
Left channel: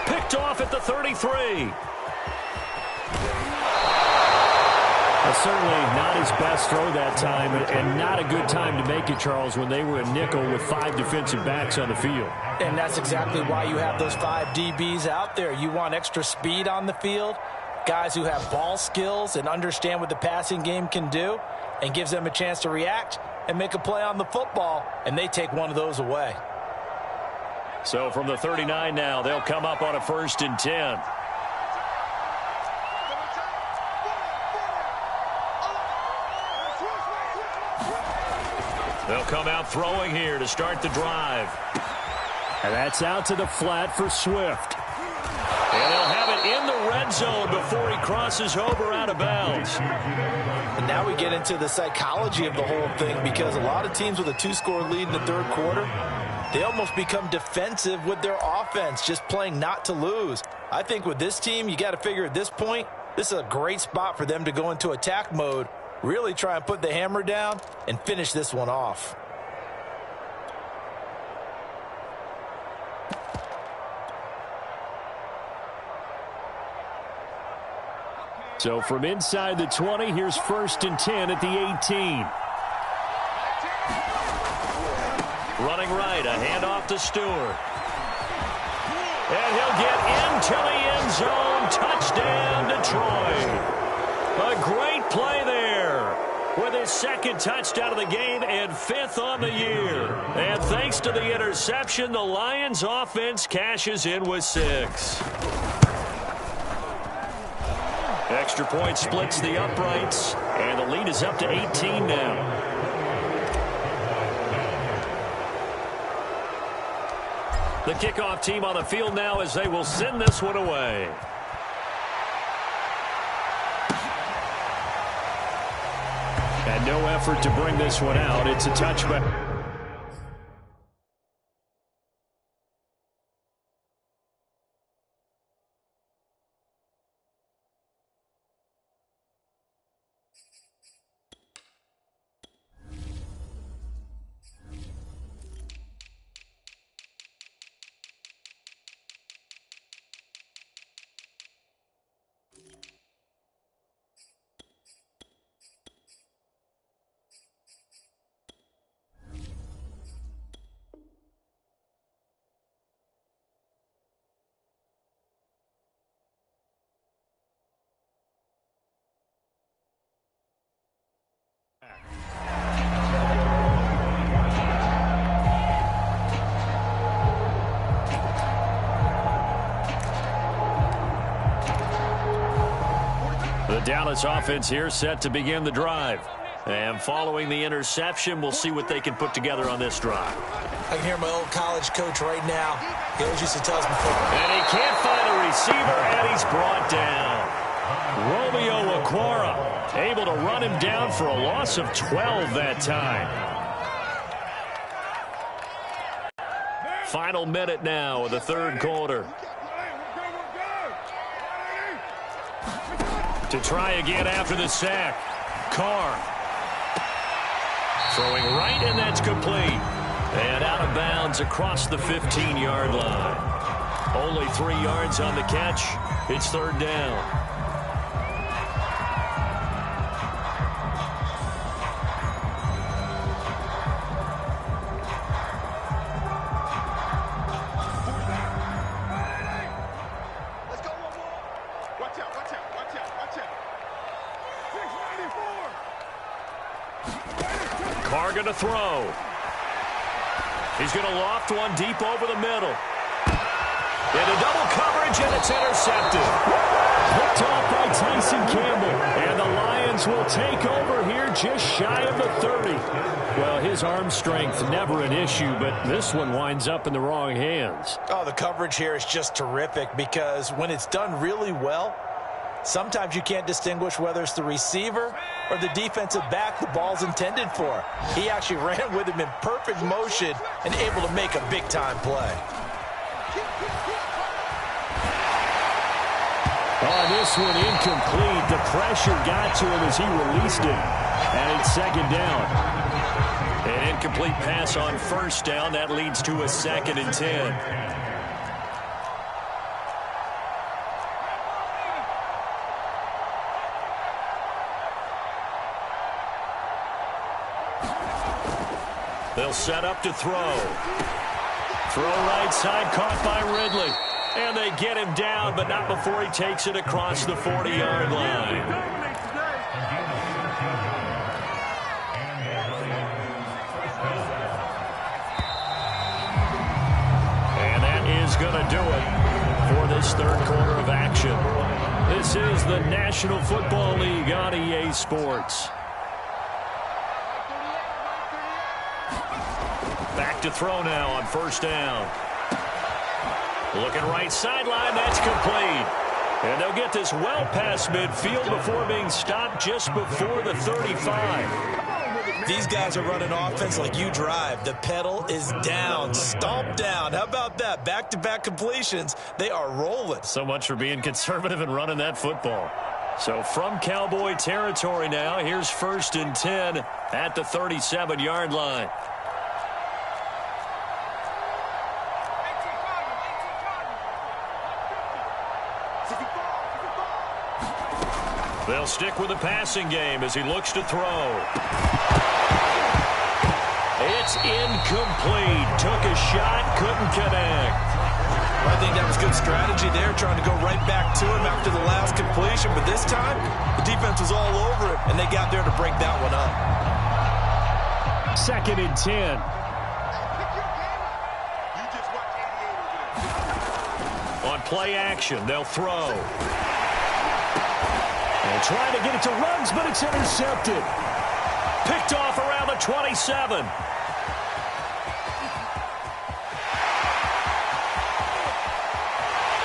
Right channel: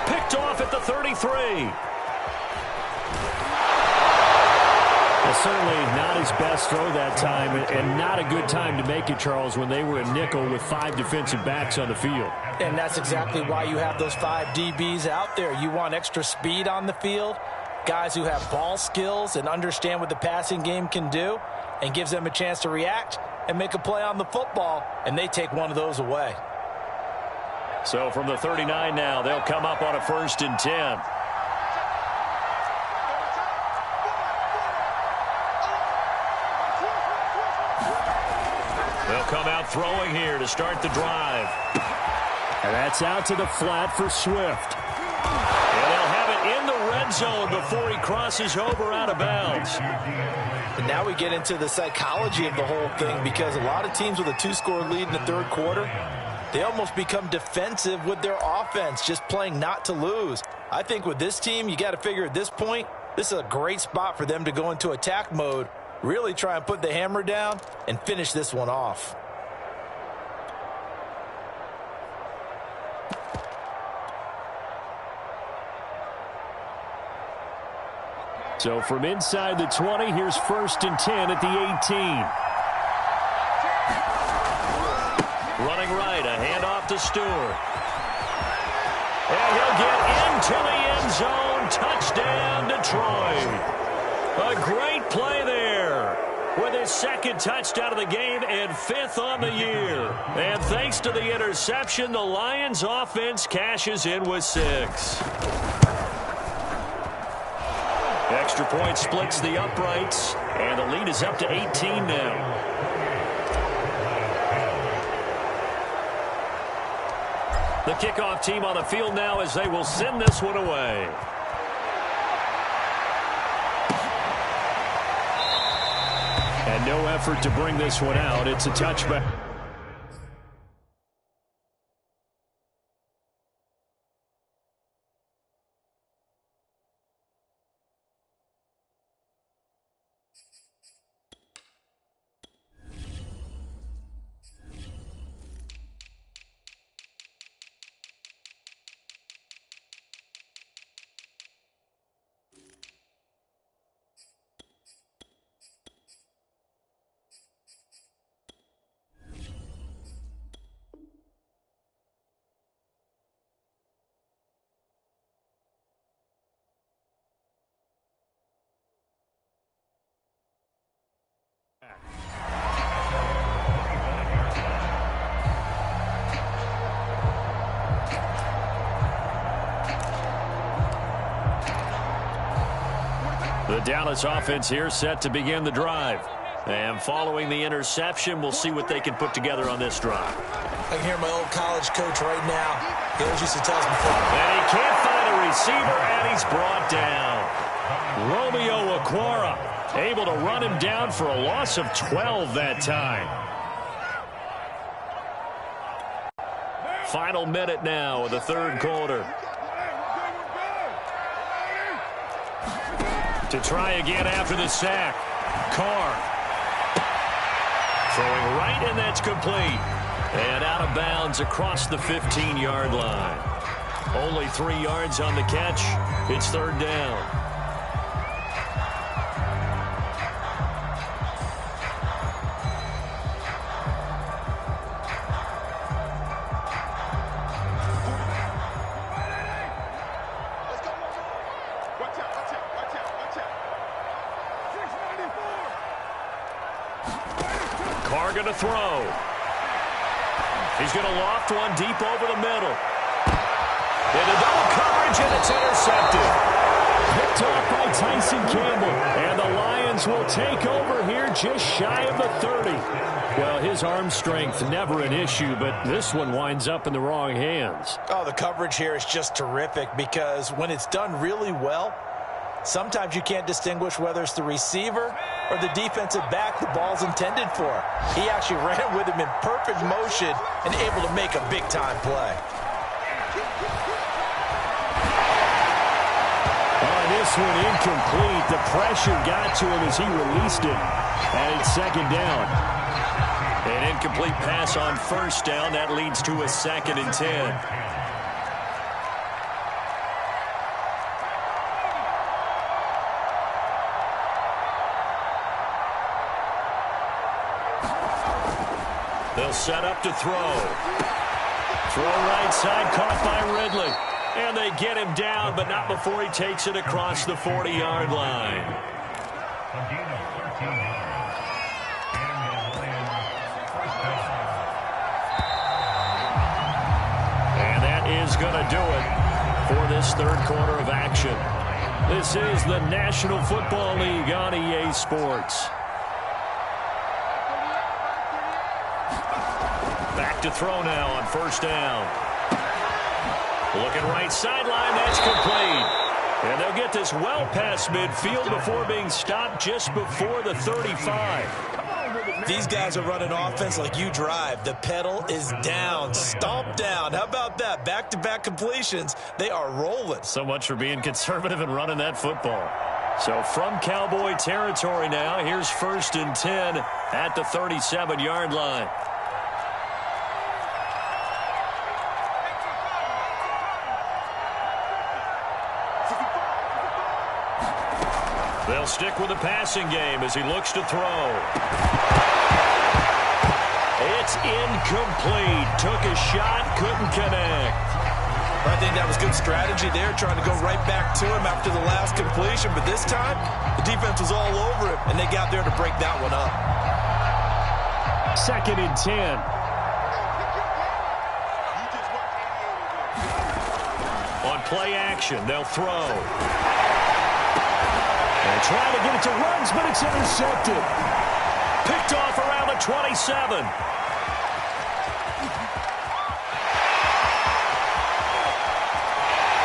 Picked off at the 33. Well, certainly not his best throw that time, and not a good time to make it, Charles, when they were a nickel with 5 defensive backs on the field. And that's exactly why you have those 5 DBs out there. You want extra speed on the field, guys who have ball skills and understand what the passing game can do, and gives them a chance to react and make a play on the football, and they take one of those away. So from the 39 now, they'll come up on a 1st and 10. They'll come out throwing here to start the drive. And that's out to the flat for Swift. And they'll have it in the red zone before he crosses over out of bounds. And now we get into the psychology of the whole thing, because a lot of teams with a 2-score lead in the 3rd quarter, they almost become defensive with their offense, just playing not to lose. I think with this team, you got to figure at this point, this is a great spot for them to go into attack mode, really try and put the hammer down and finish this one off. So from inside the 20, here's 1st and 10 at the 18. Running right, a handoff to Stewart. And he'll get into the end zone. Touchdown, Detroit. A great play there with his 2nd touchdown of the game and 5th on the year. And thanks to the interception, the Lions offense cashes in with 6. Extra point splits the uprights, and the lead is up to 18 now. The kickoff team on the field now as they will send this one away. And no effort to bring this one out. It's a touchback. The Dallas offense here set to begin the drive. And following the interception, we'll see what they can put together on this drive. I can hear my old college coach right now. He always used to tell us before. And he can't find a receiver, and he's brought down. Romeo Okwara able to run him down for a loss of 12 that time. Final minute now of the third quarter. To try again after the sack. Carr. Throwing right, and that's complete. And out of bounds across the 15-yard line. Only 3 yards on the catch. It's third down. Carr going to throw. He's going to loft one deep over the middle. Into double coverage, and it's intercepted. Picked off by Tyson Campbell. And the Lions will take over here just shy of the 30. Well, his arm strength never an issue, but this one winds up in the wrong hands. Oh, the coverage here is just terrific because when it's done really well, sometimes you can't distinguish whether it's the receiver or the defensive back the ball's intended for. He actually ran with him in perfect motion and able to make a big-time play. On this one, incomplete. The pressure got to him as he released it. And it's second down. An incomplete pass on first down. That leads to a 2nd and 10. They'll set up to throw. Throw right side, caught by Ridley. And they get him down, but not before he takes it across the 40-yard line. And that is going to do it for this third quarter of action. This is the National Football League on EA Sports. Back to throw now on first down. Looking right sideline, that's complete. And they'll get this well past midfield before being stopped just before the 35. These guys are running offense like you drive. The pedal is down, stomp down. How about that? Back-to-back completions. They are rolling. So much for being conservative and running that football. So from Cowboy territory now, here's 1st and 10 at the 37-yard line. They'll stick with the passing game as he looks to throw. It's incomplete. Took a shot, couldn't connect. I think that was good strategy there, trying to go right back to him after the last completion. But this time, the defense was all over him, and they got there to break that one up. 2nd and 10. On play action, they'll throw. And trying to get it to Ruggs, but it's intercepted. Picked off around the 27.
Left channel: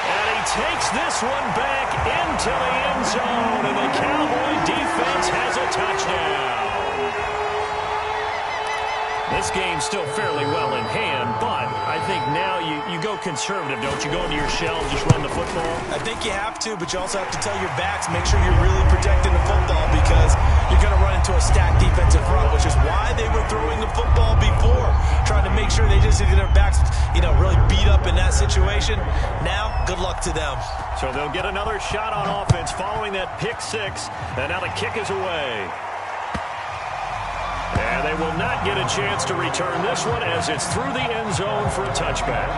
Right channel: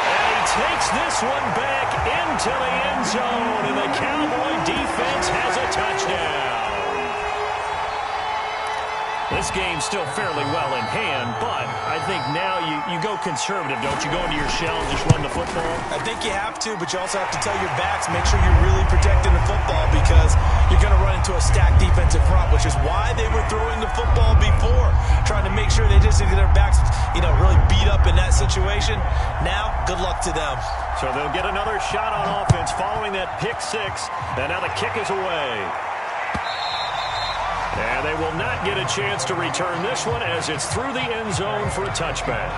And he takes this one back into the end zone, and the Cowboy defense has a touchdown. This game's still fairly well in hand, but I think now you go conservative, don't you? Go into your shell and just run the football? I think you have to, but you also have to tell your backs, make sure you're really protecting the football because you're going to run into a stacked defensive front, which is why they were throwing the football before, trying to make sure they just get their backs, really beat up in that situation. Now, good luck to them. So they'll get another shot on offense following that pick six, and now the kick is away. And they will not get a chance to return this one as it's through the end zone for a touchback.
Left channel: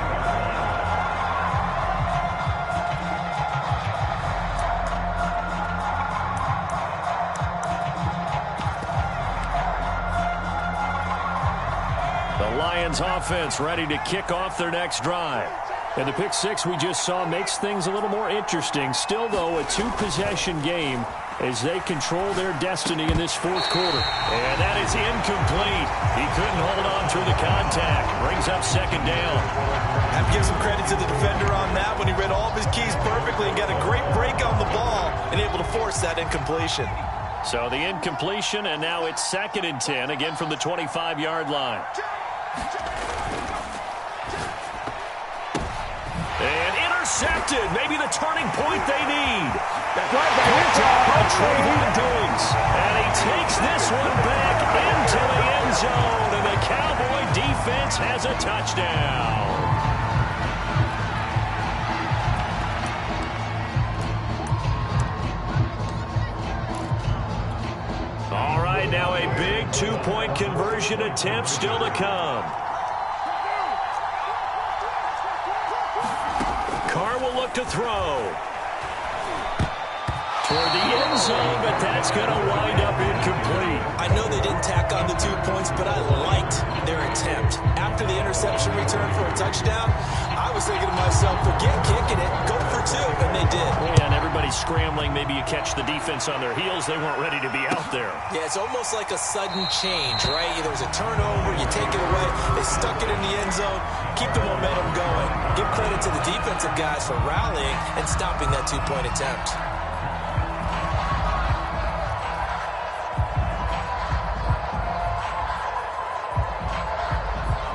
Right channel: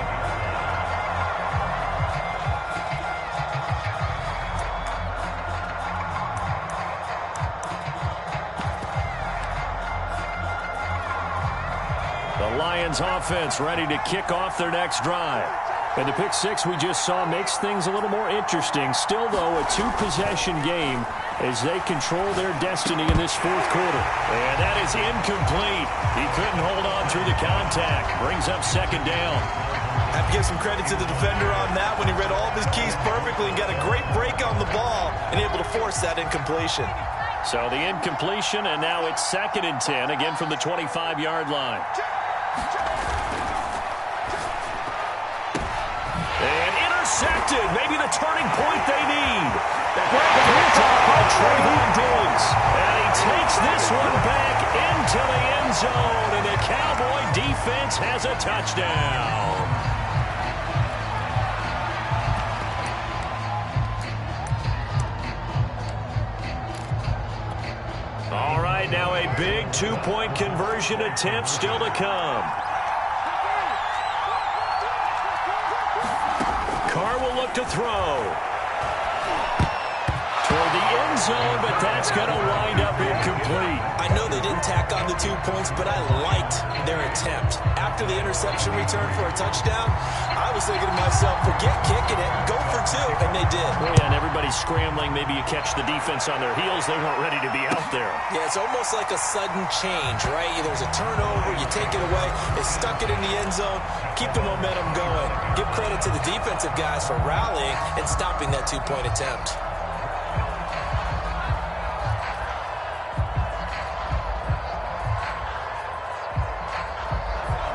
The Lions offense ready to kick off their next drive. And the pick six we just saw makes things a little more interesting. Still, though, a two-possession game. as they control their destiny in this fourth quarter. And that is incomplete. He couldn't hold on through the contact. Brings up second down. I have to give some credit to the defender on that when he read all of his keys perfectly and got a great break on the ball and able to force that incompletion. So the incompletion, and now it's 2nd and 10, again from the 25-yard line. And intercepted. Maybe the turning point they need. Picked off by Trayvon Diggs. And he takes this one back into the end zone, and the Cowboy defense has a touchdown. All right, now a big 2-point conversion attempt still to come. Carr will look to throw. Toward the end zone, but that's going to wind up incomplete. I know they didn't tack on the 2 points, but I liked their attempt. After the interception return for a touchdown, I was thinking to myself, forget kicking it, go for 2, and they did. Oh, yeah, and everybody's scrambling. Maybe you catch the defense on their heels. They weren't ready to be out there. Yeah, it's almost like a sudden change, right? There's a turnover, you take it away, they stuck it in the end zone, keep the momentum going. Give credit to the defensive guys for rallying and stopping that 2-point attempt.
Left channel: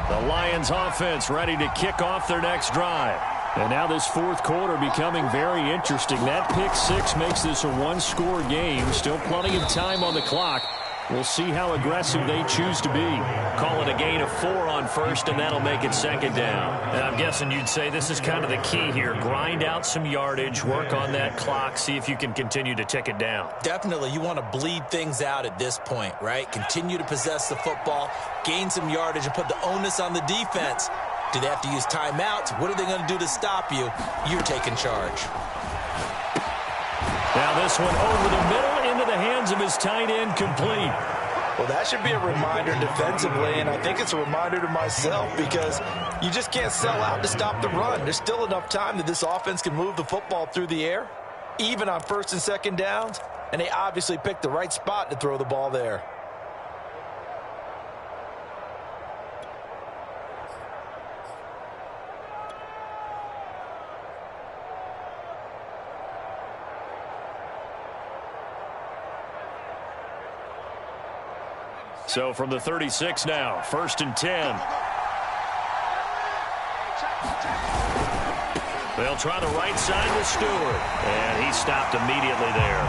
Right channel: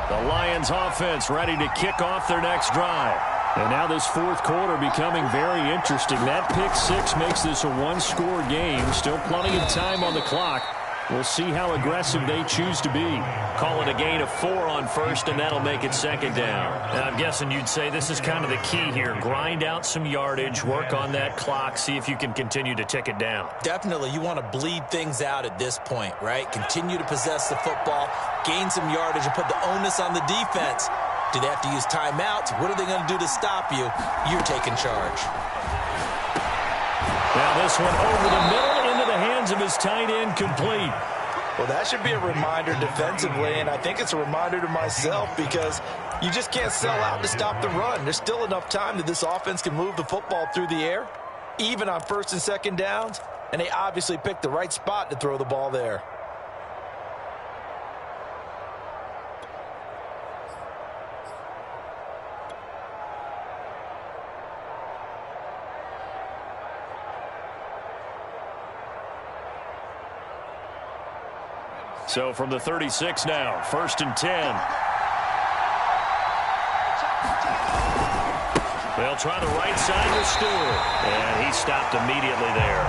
The Lions offense ready to kick off their next drive. And now this fourth quarter becoming very interesting. That pick six makes this a one-score game. Still plenty of time on the clock. We'll see how aggressive they choose to be. Call it a gain of 4 on first, and that'll make it second down. And I'm guessing you'd say this is kind of the key here. Grind out some yardage, work on that clock, see if you can continue to tick it down. Definitely, you want to bleed things out at this point, right? Continue to possess the football, gain some yardage, and put the onus on the defense. Do they have to use timeouts? What are they going to do to stop you? You're taking charge. Now this one over the middle into the hands of his tight end, complete. Well, that should be a reminder defensively, and I think it's a reminder to myself because you just can't sell out to stop the run. There's still enough time that this offense can move the football through the air, even on first and second downs, and they obviously picked the right spot to throw the ball there. So from the 36 now, 1st and 10. They'll try the right side with Stewart. And he stopped immediately there.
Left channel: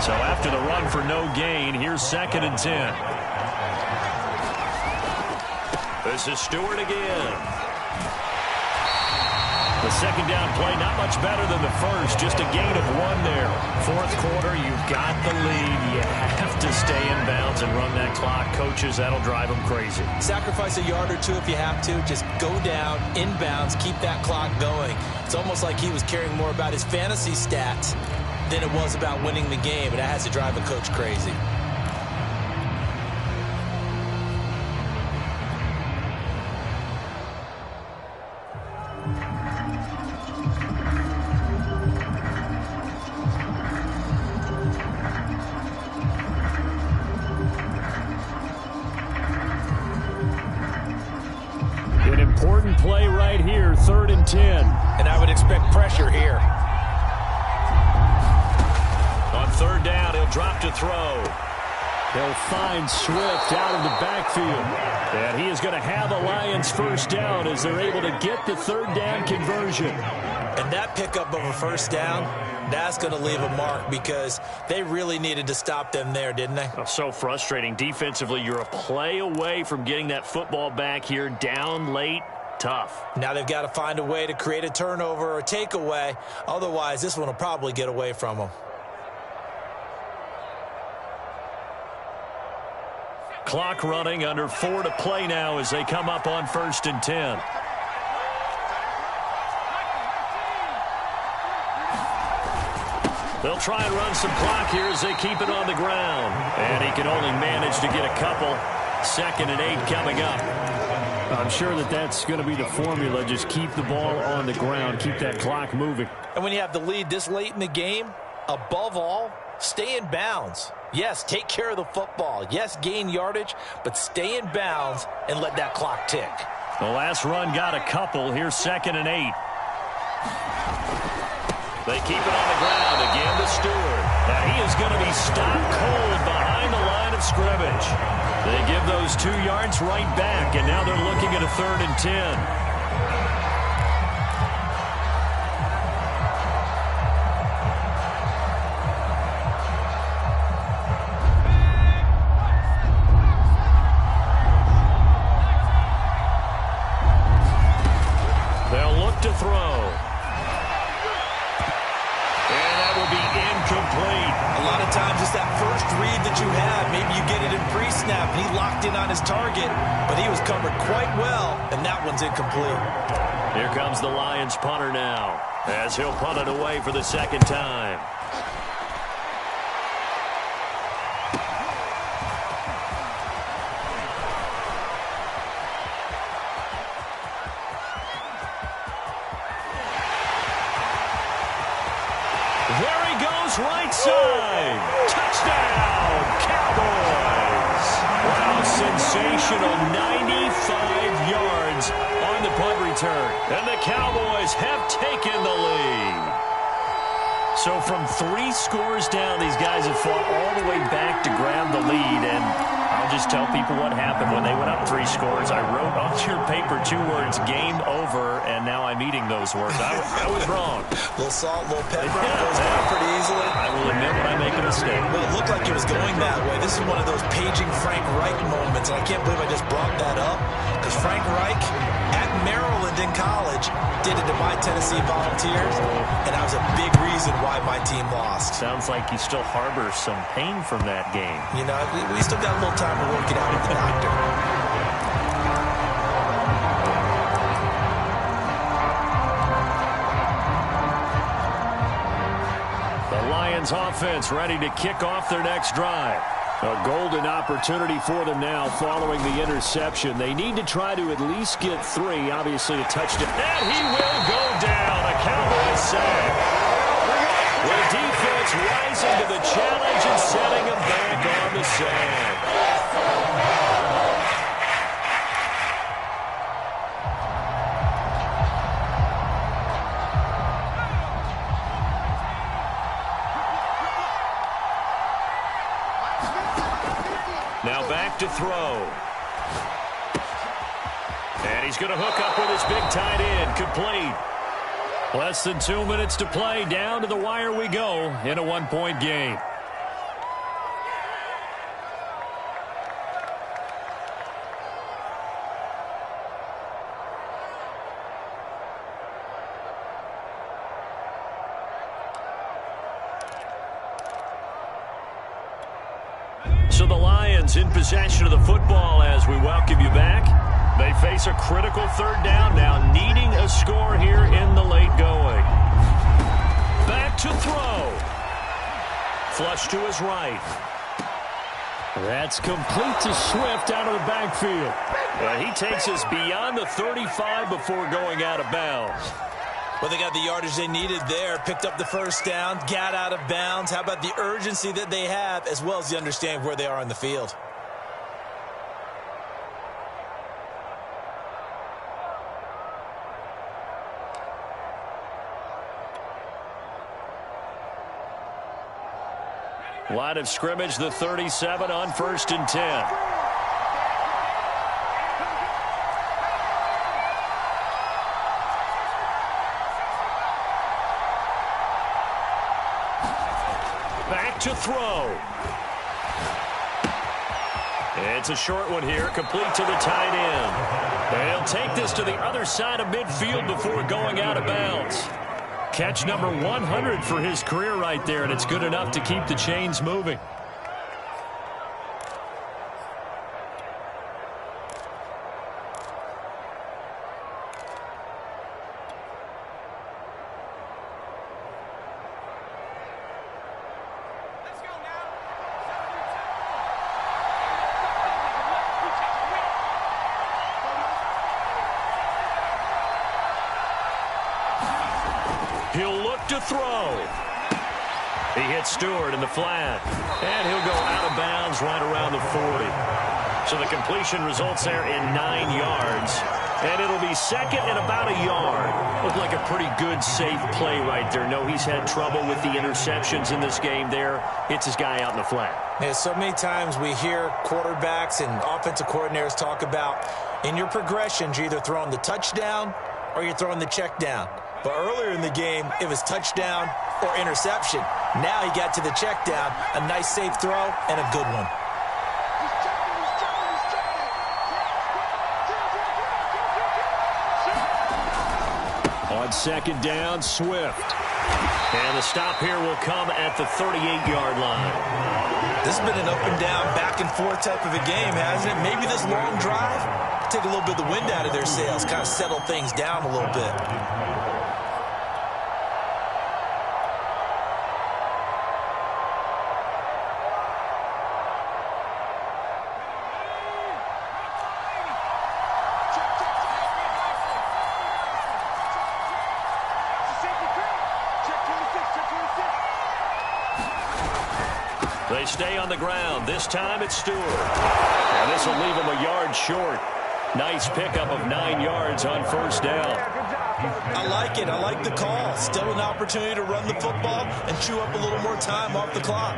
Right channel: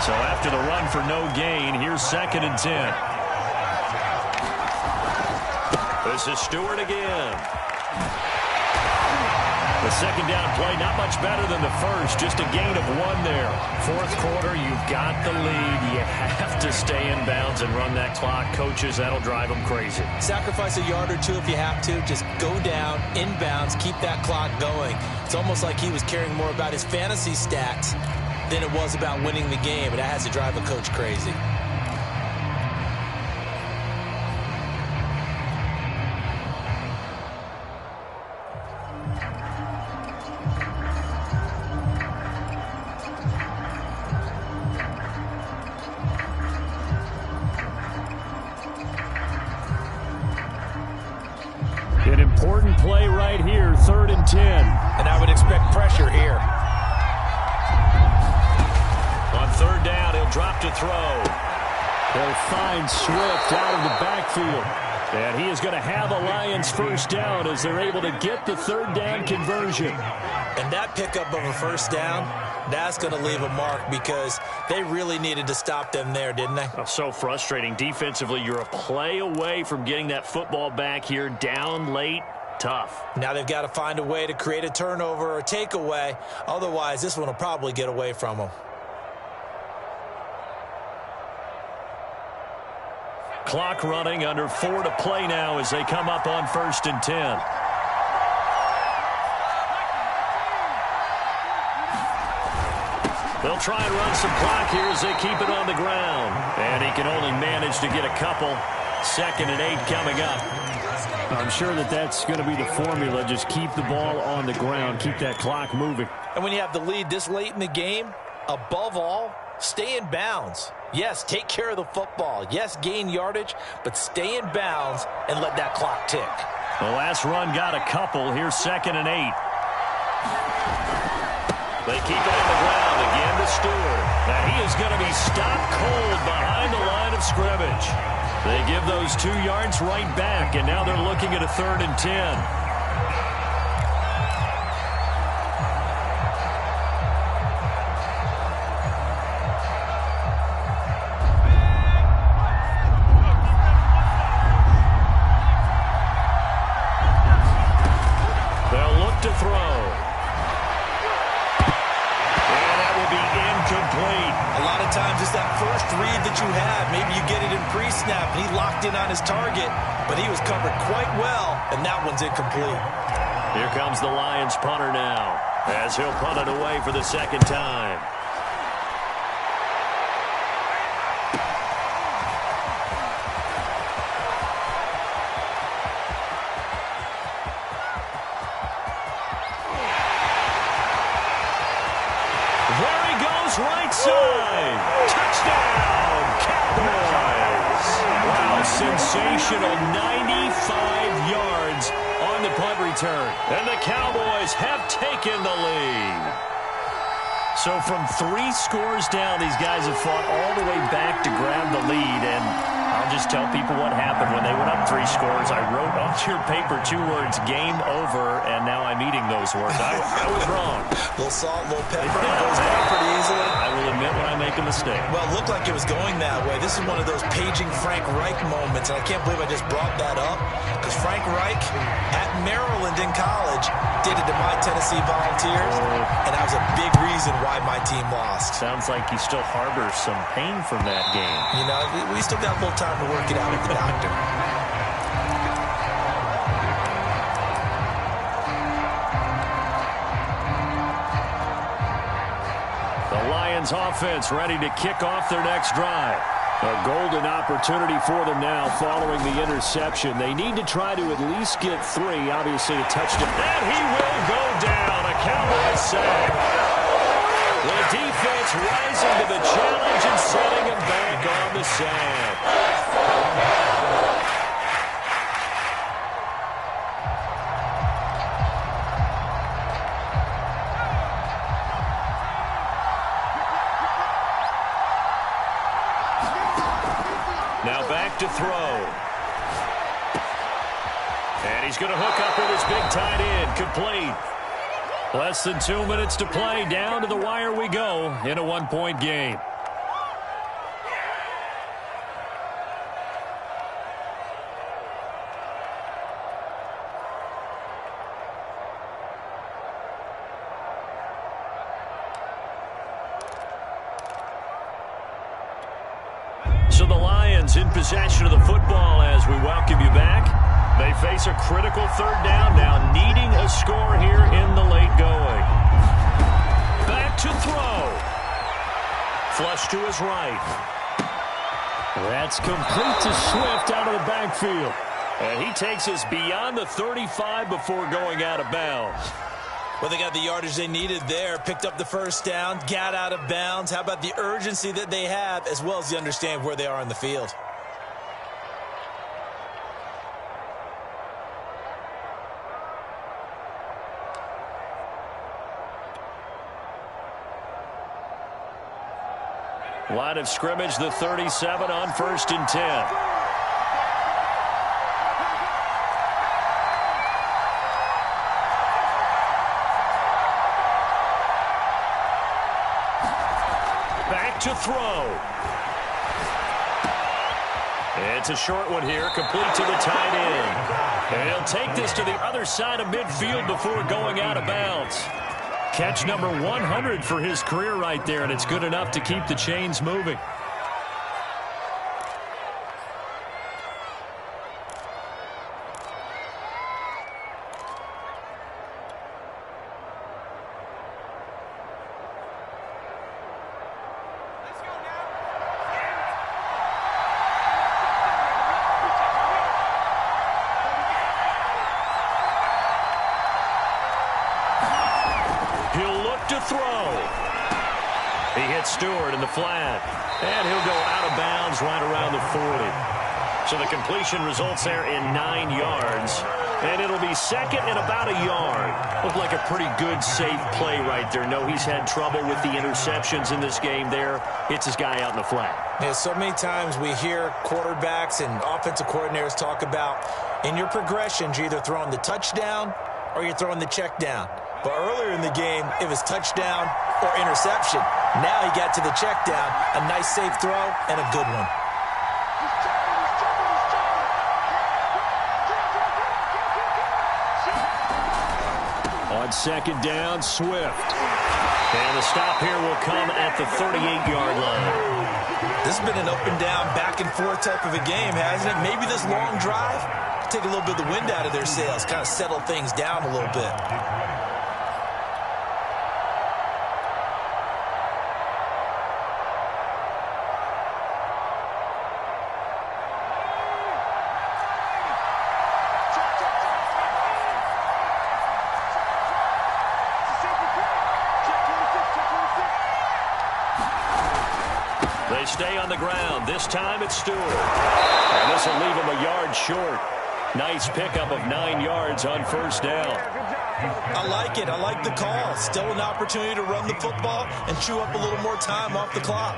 So after the run for no gain, here's 2nd and 10. This is Stewart again. The second down play, not much better than the first, just a gain of 1 there. Fourth quarter, you've got the lead. You have to stay in bounds and run that clock. Coaches, that'll drive them crazy. Sacrifice a yard or 2 if you have to. Just go down, in bounds, keep that clock going. It's almost like he was caring more about his fantasy stats than it was about winning the game, and that has to drive a coach crazy. An important play right here, 3rd and 10. And I would expect pressure here. On 3rd down, he'll drop to throw. They'll find Swift out of the backfield. And he is going to have a Lions first down as they're able to get the 3rd down conversion. And that pickup of a first down, that's going to leave a mark because they really needed to stop them there, didn't they? Oh, so frustrating. Defensively, you're a play away from getting that football back here. Down late, tough. Now they've got to find a way to create a turnover or a takeaway. Otherwise, this one will probably get away from them. Clock running, under 4 to play now as they come up on 1st and 10. They'll try and run some clock here as they keep it on the ground. And he can only manage to get a couple. 2nd and 8 coming up. I'm sure that that's going to be the formula. Just keep the ball on the ground. Keep that clock moving. And when you have the lead this late in the game, above all, Stay in bounds. Yes, take care of the football. Yes, gain yardage, but stay in bounds and let that clock tick. The last run got a couple. Here's 2nd and 8. They keep it on the ground again to Stewart. And he is going to be stopped cold behind the line of scrimmage. They give those 2 yards right back, and now they're looking at a 3rd and 10. They'll look to throw. And that will be incomplete. A lot of times it's that first read that you have. Maybe you get it in pre-snap, and he locked in on his target, but he was covered quite well, and that one's incomplete. Here comes the Lions punter now, as he'll punt it away for the 2nd time. There he goes, right side. Touchdown, Cowboys. Wow, sensational 95 yards on the punt return. And the Cowboys have taken the lead. So from 3 scores down, these guys have fought all the way back to grab the lead. And I'll just tell people what happened when they went up 3 scores. I wrote on your paper 2 words, game over, and now I'm eating those words. I was wrong. A little salt, a little pepper, it goes down pretty easily. I will admit when I make a mistake. Well, it looked like it was going that way. This is one of those paging Frank Reich moments, and I can't believe I just brought that up, because Frank Reich at Maryland in college did it to my Tennessee Volunteers, and that was a big reason why my team lost. Sounds like he still harbors some pain from that game. You know, we still got a little time to work it out with the doctor. The Lions offense ready to kick off their next drive. A golden opportunity for them now following the interception. They need to try to at least get 3, obviously a touchdown. And he will go down, a Cowboy sack. The defense rising to the challenge and setting him back on the sack. Now back to throw. And he's going to hook up with his big tight end. Complete. Less than 2 minutes to play. Down to the wire we go in a 1-point game. So the Lions in possession of the football as we welcome you back. They face a critical 3rd down now, needing a score here in the late going. Back to throw. Flush to his right. That's complete to Swift out of the backfield. And he takes us beyond the 35 before going out of bounds. Well, they got the yardage they needed there, picked up the 1st down, got out of bounds. How about the urgency that they have, as well as the understand where they are on the field? Line of scrimmage, the 37 on 1st and 10. Back to throw. It's a short one here, complete to the tight end. And he'll take this to the other side of midfield before going out of bounds. Catch number 100 for his career right there, and it's good enough to keep the chains moving. He'll look to throw. He He hits Stewart in the flat, and he'll go out of bounds right around the 40. So the completion results there in 9 yards, and it'll be second and about a yard. Looked like a pretty good, safe play right there. No, he's had trouble with the interceptions in this game there. Hits his guy out in the flat. Yeah, so many times we hear quarterbacks and offensive coordinators talk about in your progressions, you're either throwing the touchdown or you're throwing the check down. But earlier in the game, it was touchdown or interception. Now he got to the check down, a nice safe throw, and a good one. On second down, Swift. And the stop here will come at the 38-yard line. This has been an up-and-down, back-and-forth type of a game, hasn't it? Maybe this long drive, take a little bit of the wind out of their sails, kind of settle things down a little bit. They stay on the ground. This time it's Stewart. And this will leave him a yard short. Nice pickup of 9 yards on first down. I like it. I like the call. Still an opportunity to run the football and chew up a little more time off the clock.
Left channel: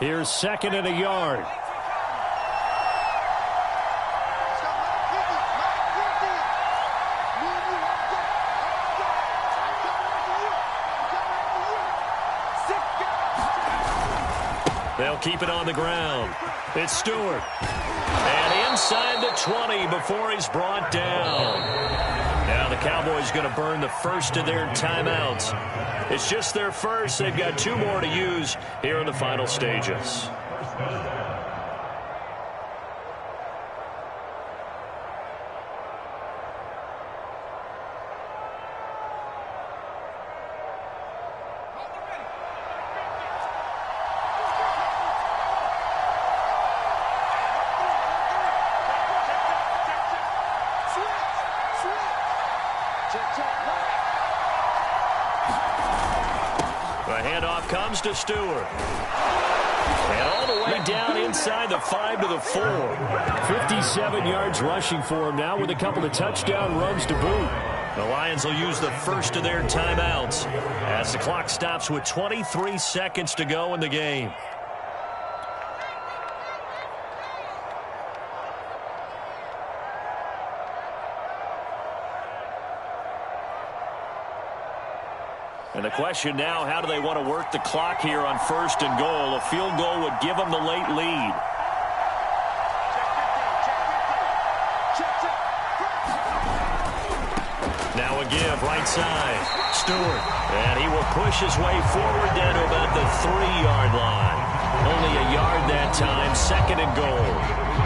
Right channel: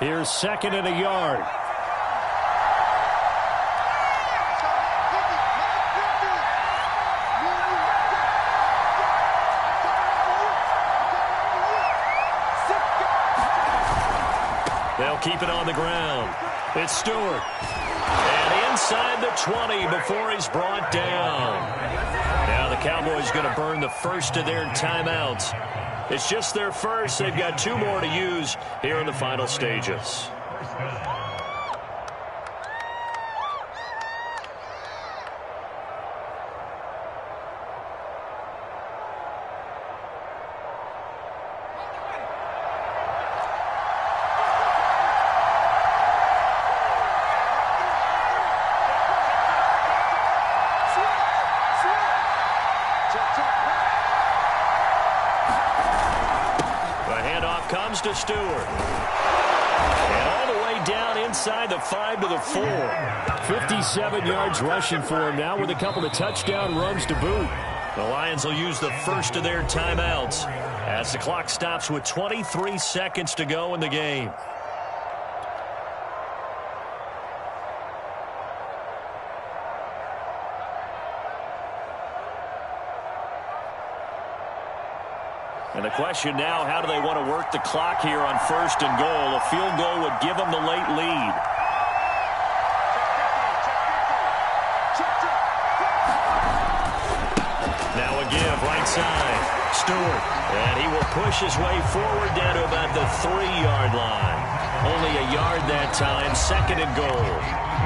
Here's second and a yard. They'll keep it on the ground. It's Stewart. And inside the 20 before he's brought down. Now the Cowboys going to burn the first of their timeouts. It's just their first. They've got 2 more to use here in the final stages. The handoff comes to Stewart. And all the way down inside the 5 to the 4. 57 yards rushing for him now with a couple of touchdown runs to boot. The Lions will use the first of their timeouts as the clock stops with 23 seconds to go in the game. And the question now, how do they want to work the clock here on first and goal? A field goal would give them the late lead. Now a give, right side. Stewart. And he will push his way forward down to about the 3-yard line. Only a yard that time, second and goal.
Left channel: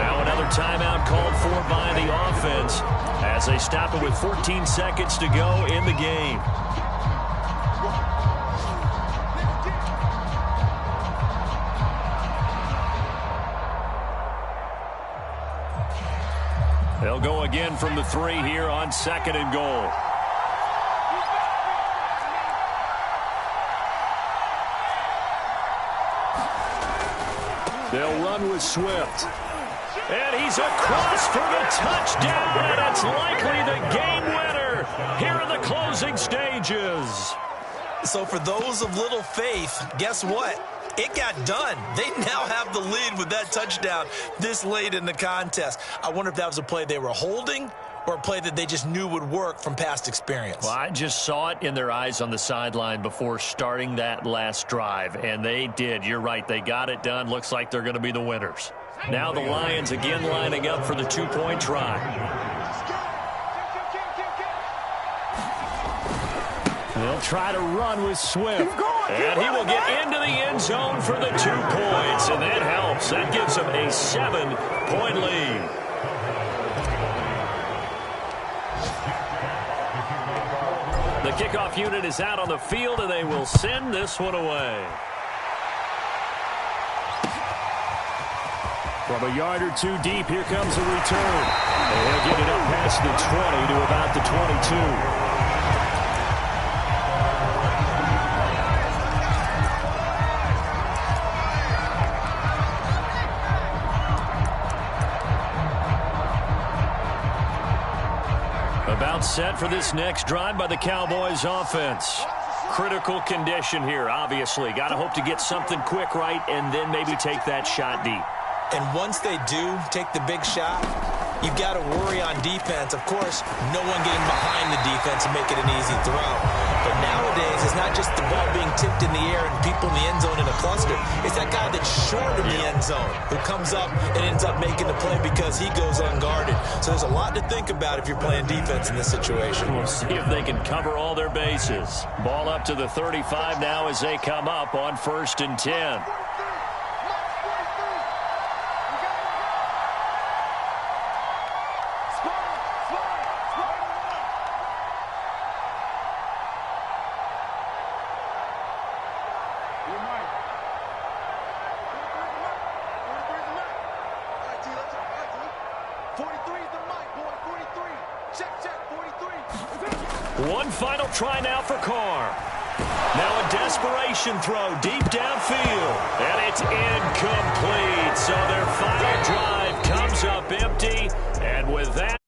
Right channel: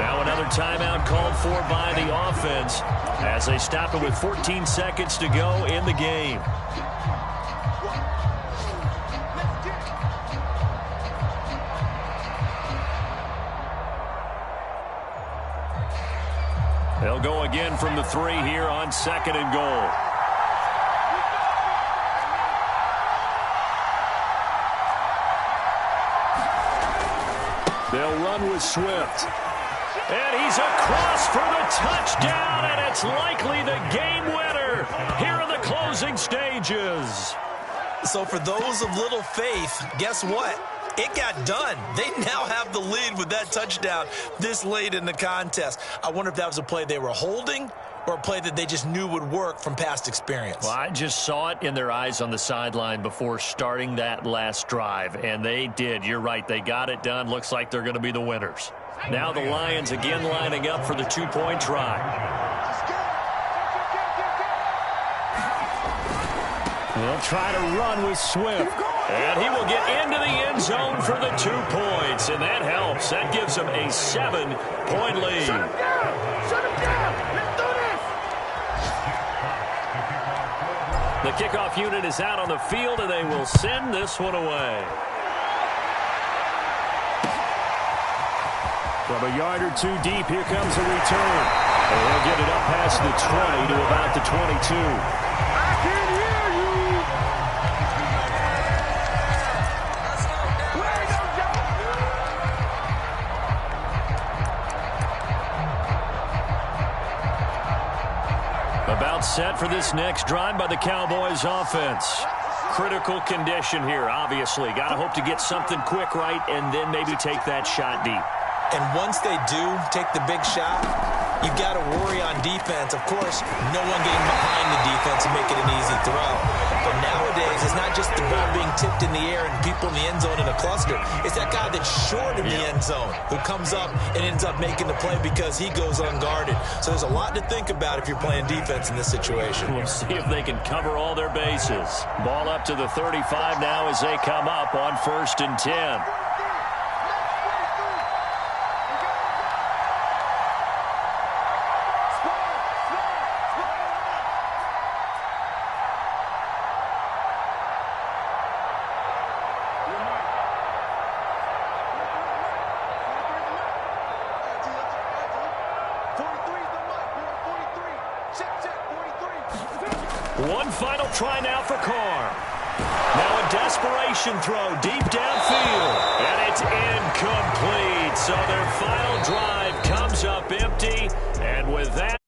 Now another timeout called for by the offense as they stop it with 14 seconds to go in the game. They'll go again from the 3 here on second and goal. They'll run with Swift. And he's across for the touchdown, and it's likely the game winner here in the closing stages. So for those of little faith, guess what? It got done. They now have the lead with that touchdown this late in the contest. I wonder if that was a play they were holding or a play that they just knew would work from past experience. Well, I just saw it in their eyes on the sideline before starting that last drive, and they did. You're right. They got it done. Looks like they're going to be the winners. Now the Lions again lining up for the 2-point try. They'll try to run with Swift. And he will get into the end zone for the 2 points. And that helps. That gives them a 7-point lead. The kickoff unit is out on the field, and they will send this one away. From a yard or two deep, here comes a return. And he'll get it up past the 20 to about the 22. About set for this next drive by the Cowboys offense. Critical condition here, obviously. Got to hope to get something quick right and then maybe take that shot deep. And once they do take the big shot, you've got to worry on defense. Of course, no one getting behind the defense and making an easy throw. But nowadays, it's not just the ball being tipped in the air and people in the end zone in a cluster. It's that guy that's short of the end zone who comes up and ends up making the play because he goes unguarded. So there's a lot to think about if you're playing defense in this situation. We'll see if they can cover all their bases. Ball up to the 35 now as they come up on 1st and 10. One final try now for Carr. Now a desperation throw deep downfield. And it's incomplete. So their final drive comes up empty. And with that...